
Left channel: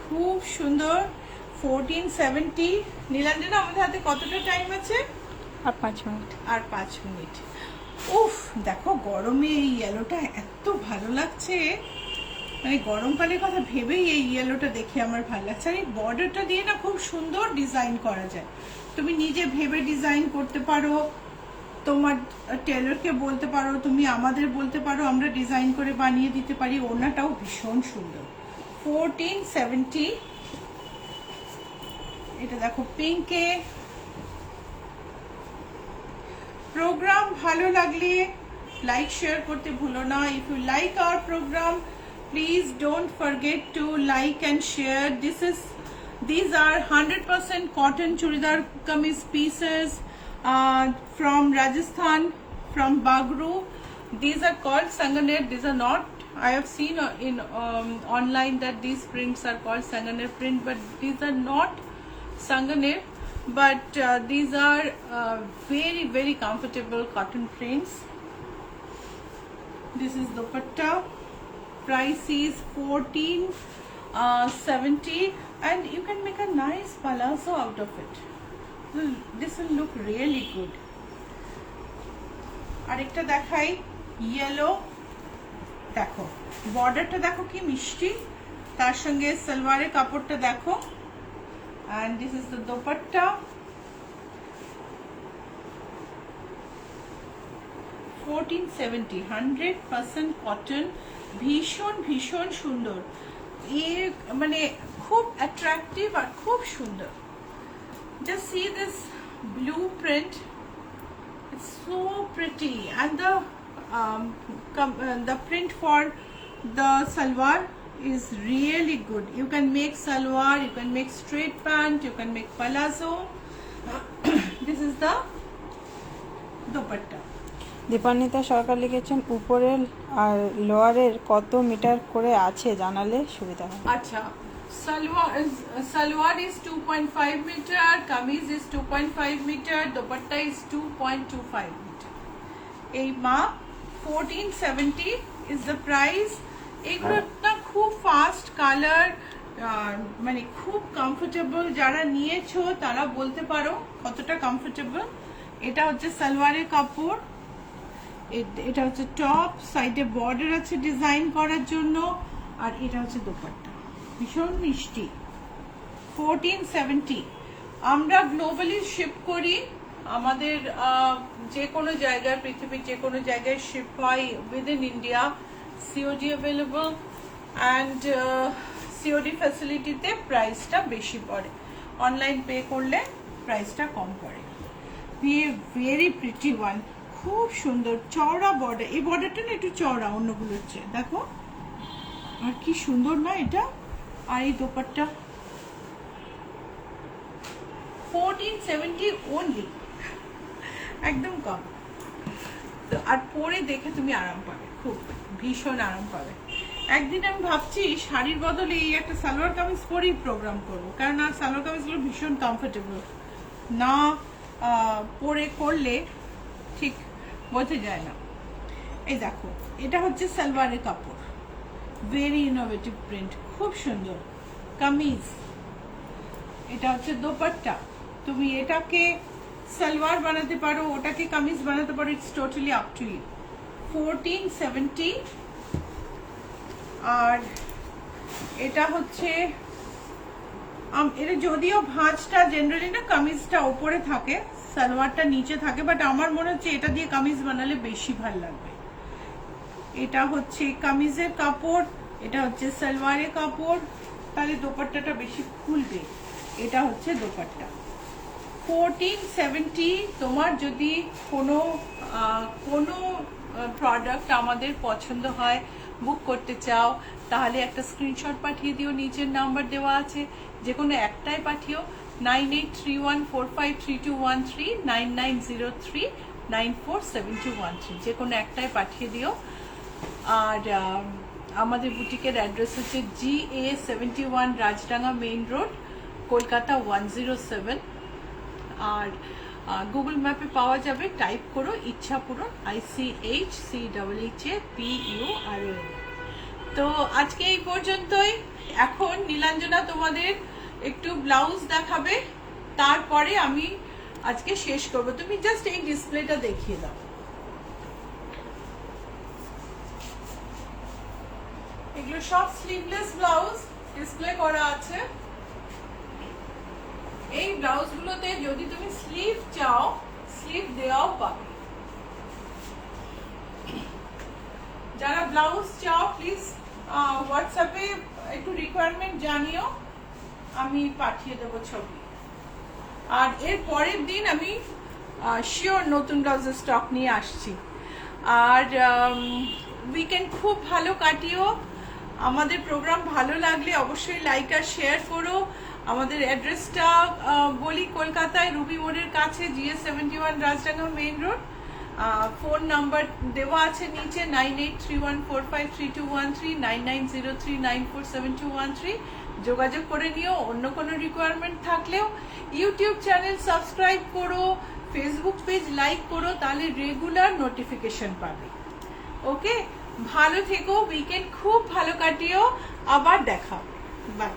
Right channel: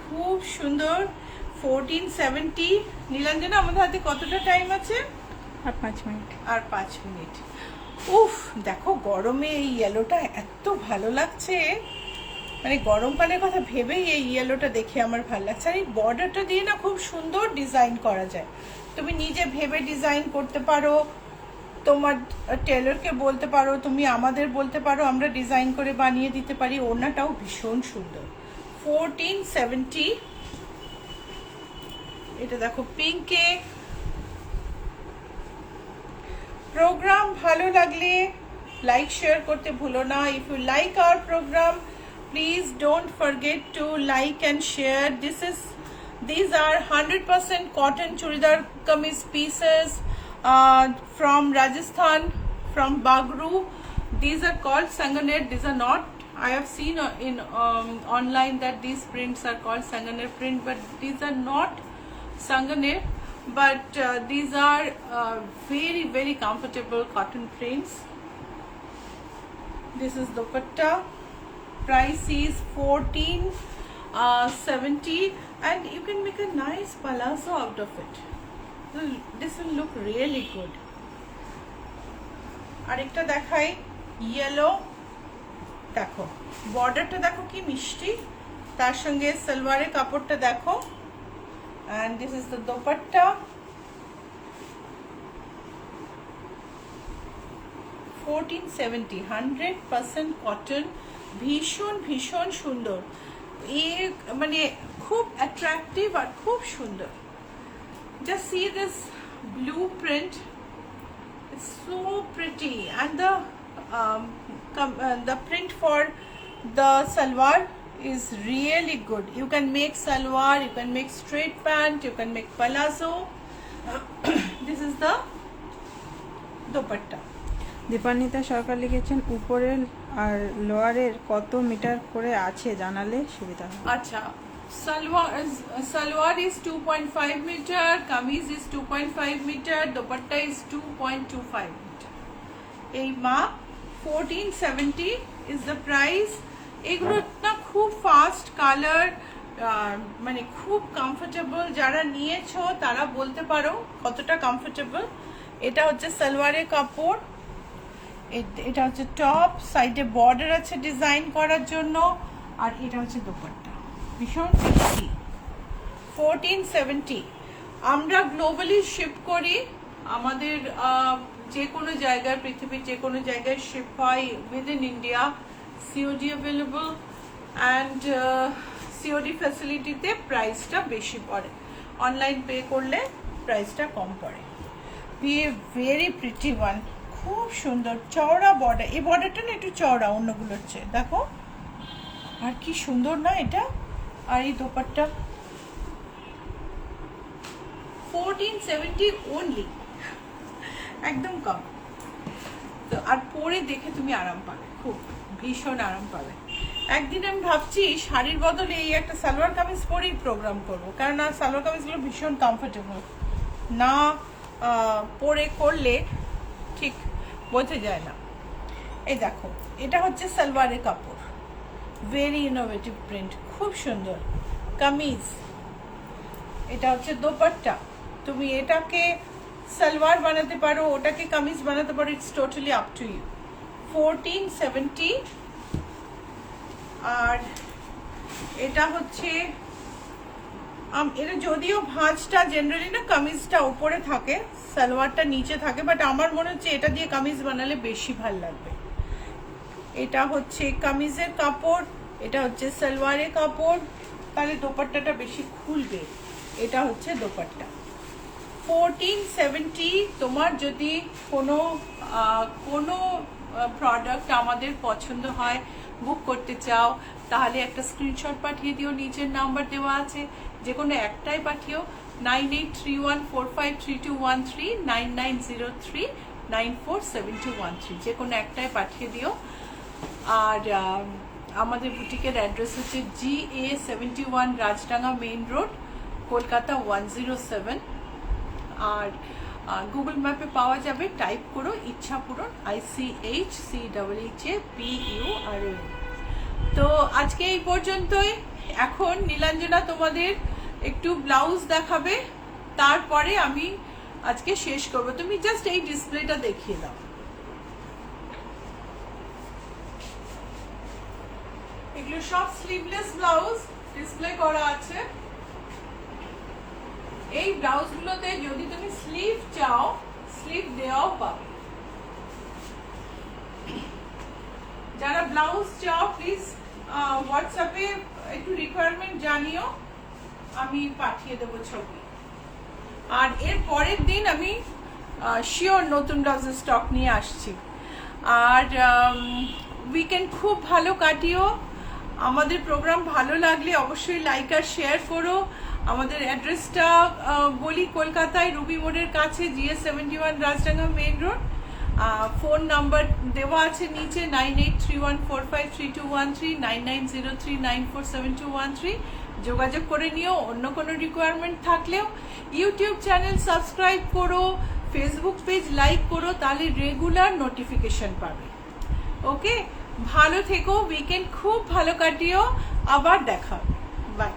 খুব সুন্দর, 1470। নীলাঞ্জনা আমাদের হাতে কতটা টাইম আছে? আর 5 মিনিট। আর 5 মিনিট। উফ দেখো গরমে এই ইয়েলোটা এত ভালো লাগছে, মানে গরমকালের কথা ভেবেই এই ইয়েলোটা দেখে আমার ভালো লাগছে। আর এই বর্ডারটা দিয়ে না খুব সুন্দর ডিজাইন করা যায়। তুমি নিজে ভেবে ডিজাইন করতে পারো, তোমার টেলরকে বলতে পারো, তুমি আমাদের বলতে পারো, আমরা ডিজাইন করে বানিয়ে দিতে পারি। ওড়নাটাও ভীষণ সুন্দর। 1470। এটা দেখো পিঙ্কে। প্রোগ্রাম ভালো লাগলে লাইক শেয়ার করতে ভুলো না। If you like our program, please don't forget to like and share. These are 100% cotton churidar kameez pieces from Rajasthan, from Bagru. These are called sanganer. These are not, I have seen in online that these prints are called sanganer print, but these are not Sanganer, but these are very very comfortable cotton prints. This is dupatta. Price is 1470, and you can make a nice palazzo out of it. This will look really good. আরেকটা দেখাই, ইয়েলো। দেখো বর্ডারটা দেখো কি মিষ্টি, তার সঙ্গে সালোয়ারের কাপড়টা দেখো। and this is the dupatta. 1470, 100% cotton, ভীষণ ভীষণ সুন্দর। মানে খুব অ্যাট্রাকটিভ আর খুব সুন্দর। just see this blue print, it's so pretty, and the print for the salwar is really good. You can make salwar, you can make straight pant, you can make palazzo. This is the dupatta. Dipanwita সরকার লিখেছেন উপরের আর লোয়ারের কত মিটার করে আছে জানালে সুবিধা হয়। আচ্ছা, salwar is 2.5 meter, kameez is 2.5 meter, dupatta is 2.25 meter. এই মাপ 1470 is the price. এগুলো না খুব ফাস্ট কালার, মানে খুব কমফোর্টেবল। যারা নিয়েছো তারা বলতে পারো কতটা কমফোর্টেবল। এটা হচ্ছে সালোয়ারের কাপড়, এটা হচ্ছে টপ, সাইডে বর্ডার আছে ডিজাইন করার জন্য, আর এটা হচ্ছে দুপাট্টা। ভীষণ মিষ্টি। 1470। আমরা গ্লোবালি শিপ করি, আমাদের যে কোনো জায়গায়, পৃথিবীর যে কোনো জায়গায় শিপ হয় within India. COD available, and COD ফ্যাসিলিটিতে প্রাইসটা বেশি পড়ে, অনলাইন পে করলে প্রাইসটা কম পড়ে। ভেরি প্রিটি ওয়ান, খুব সুন্দর চওড়া বর্ডার। এই বর্ডারটা না একটু চওড়া অন্যগুলোর চেয়ে, দেখো আর কি সুন্দর না এটা। আর এই দোপাট্টা 1470 only, একদম কম। তো আর পরে দেখে তুমি আরাম পাবে, খুব ভীষণ আরাম পাবে। একদিন আমি ভাবছি শাড়ির বদলে এই একটা সালোয়ার কামিজ পরেই প্রোগ্রাম করবো, কারণ আর সালোয়ার কামিজগুলো ভীষণ কমফোর্টেবল, না পরে করলে ঠিক বোঝা যায় না। এই দেখো এটা হচ্ছে সালোয়ারের কাপড়, ভেরি ইনোভেটিভ প্রিন্ট, খুব সুন্দর কামিজ। এটা হচ্ছে দোপাট্টা, তুমি এটাকে সালোয়ার বানাতে পারো, ওটাকে কামিজ বানাতে পারো, it's totally up to you. 1470। আর এটা হচ্ছে এটা যদিও ভাঁজটা জেনারেলি না কামিজটা উপরে থাকে, সালোয়ারটা নিচে থাকে, বাট আমার মনে হচ্ছে এটা দিয়ে কামিজ বানালে বেশি ভালো লাগবে। এটা হচ্ছে কামিজের কাপড়, এটা হচ্ছে সালোয়ারের কাপড়, তাহলে দোপাট্টাটা বেশি খুলবে। এটা হচ্ছে দোপাট্টা। 1470। তোমার যদি কোনো প্রোডাক্ট আমাদের পছন্দ হয়, বুক করতে চাও, তাহলে একটা স্ক্রিনশট পাঠিয়ে দিও, নিচের নাম্বার দেওয়া আছে, যে কোনো একটাই পাঠিও। 9831453213, 9903947213, যে কোনো একটাই পাঠিয়ে দিও। আর আমাদের বুটিকের অ্যাড্রেস হচ্ছে GA71 Rajdanga main road, Kolkata 107। আর গুগল ম্যাপে পাওয়া যাবে, টাইপ করো ইচ্ছাপুরন, ICHCHAPURN। তো আজকে এই পর্যন্তই। এখন নীলাঞ্জনা তোমাদের একটু ব্লাউজ দেখাবে, তারপরে আমি আজকে শেষ করবো। তুমি জাস্ট এই ডিসপ্লেটা দেখিয়ে দাও। এগুলো সব স্লিভলেস ব্লাউজ ডিসপ্লে করা আছে। এই ব্লাউজগুলোতে যদি তুমি স্লিভ চাও, স্লিভ দেওয়াও পাবে। যারা ব্লাউজ চাও প্লিজ হোয়াটসঅ্যাপে একটু রিকোয়ারমেন্ট জানিও, আমি পাঠিয়ে দেবো ছবি। আর এর পরের দিন আমি শিওর নতুন ব্লাউজের স্টক নিয়ে আসছি। আর উইকেন্ড খুব ভালো কাটিও। আমাদের প্রোগ্রাম ভালো লাগলে অবশ্যই লাইক আর শেয়ার করো। আমাদের অ্যাড্রেসটা বলি, কলকাতায় রুবি মোড়ের কাছে, GA71 Rajdanga main road. Phone number দেওয়া আছে নিচে, 9831453213, 9903947213। যোগাযোগ করে নিও। অন্য কোনো রিকোয়ারমেন্ট থাকলেও ইউটিউব চ্যানেল সাবস্ক্রাইব করো, ফেসবুক পেজ লাইক করো, তাহলে রেগুলার নোটিফিকেশন পাবে। ওকে, ভালো থেকো, উইকেন্ড খুব ভালো কাটিও, আবার দেখা, বাই।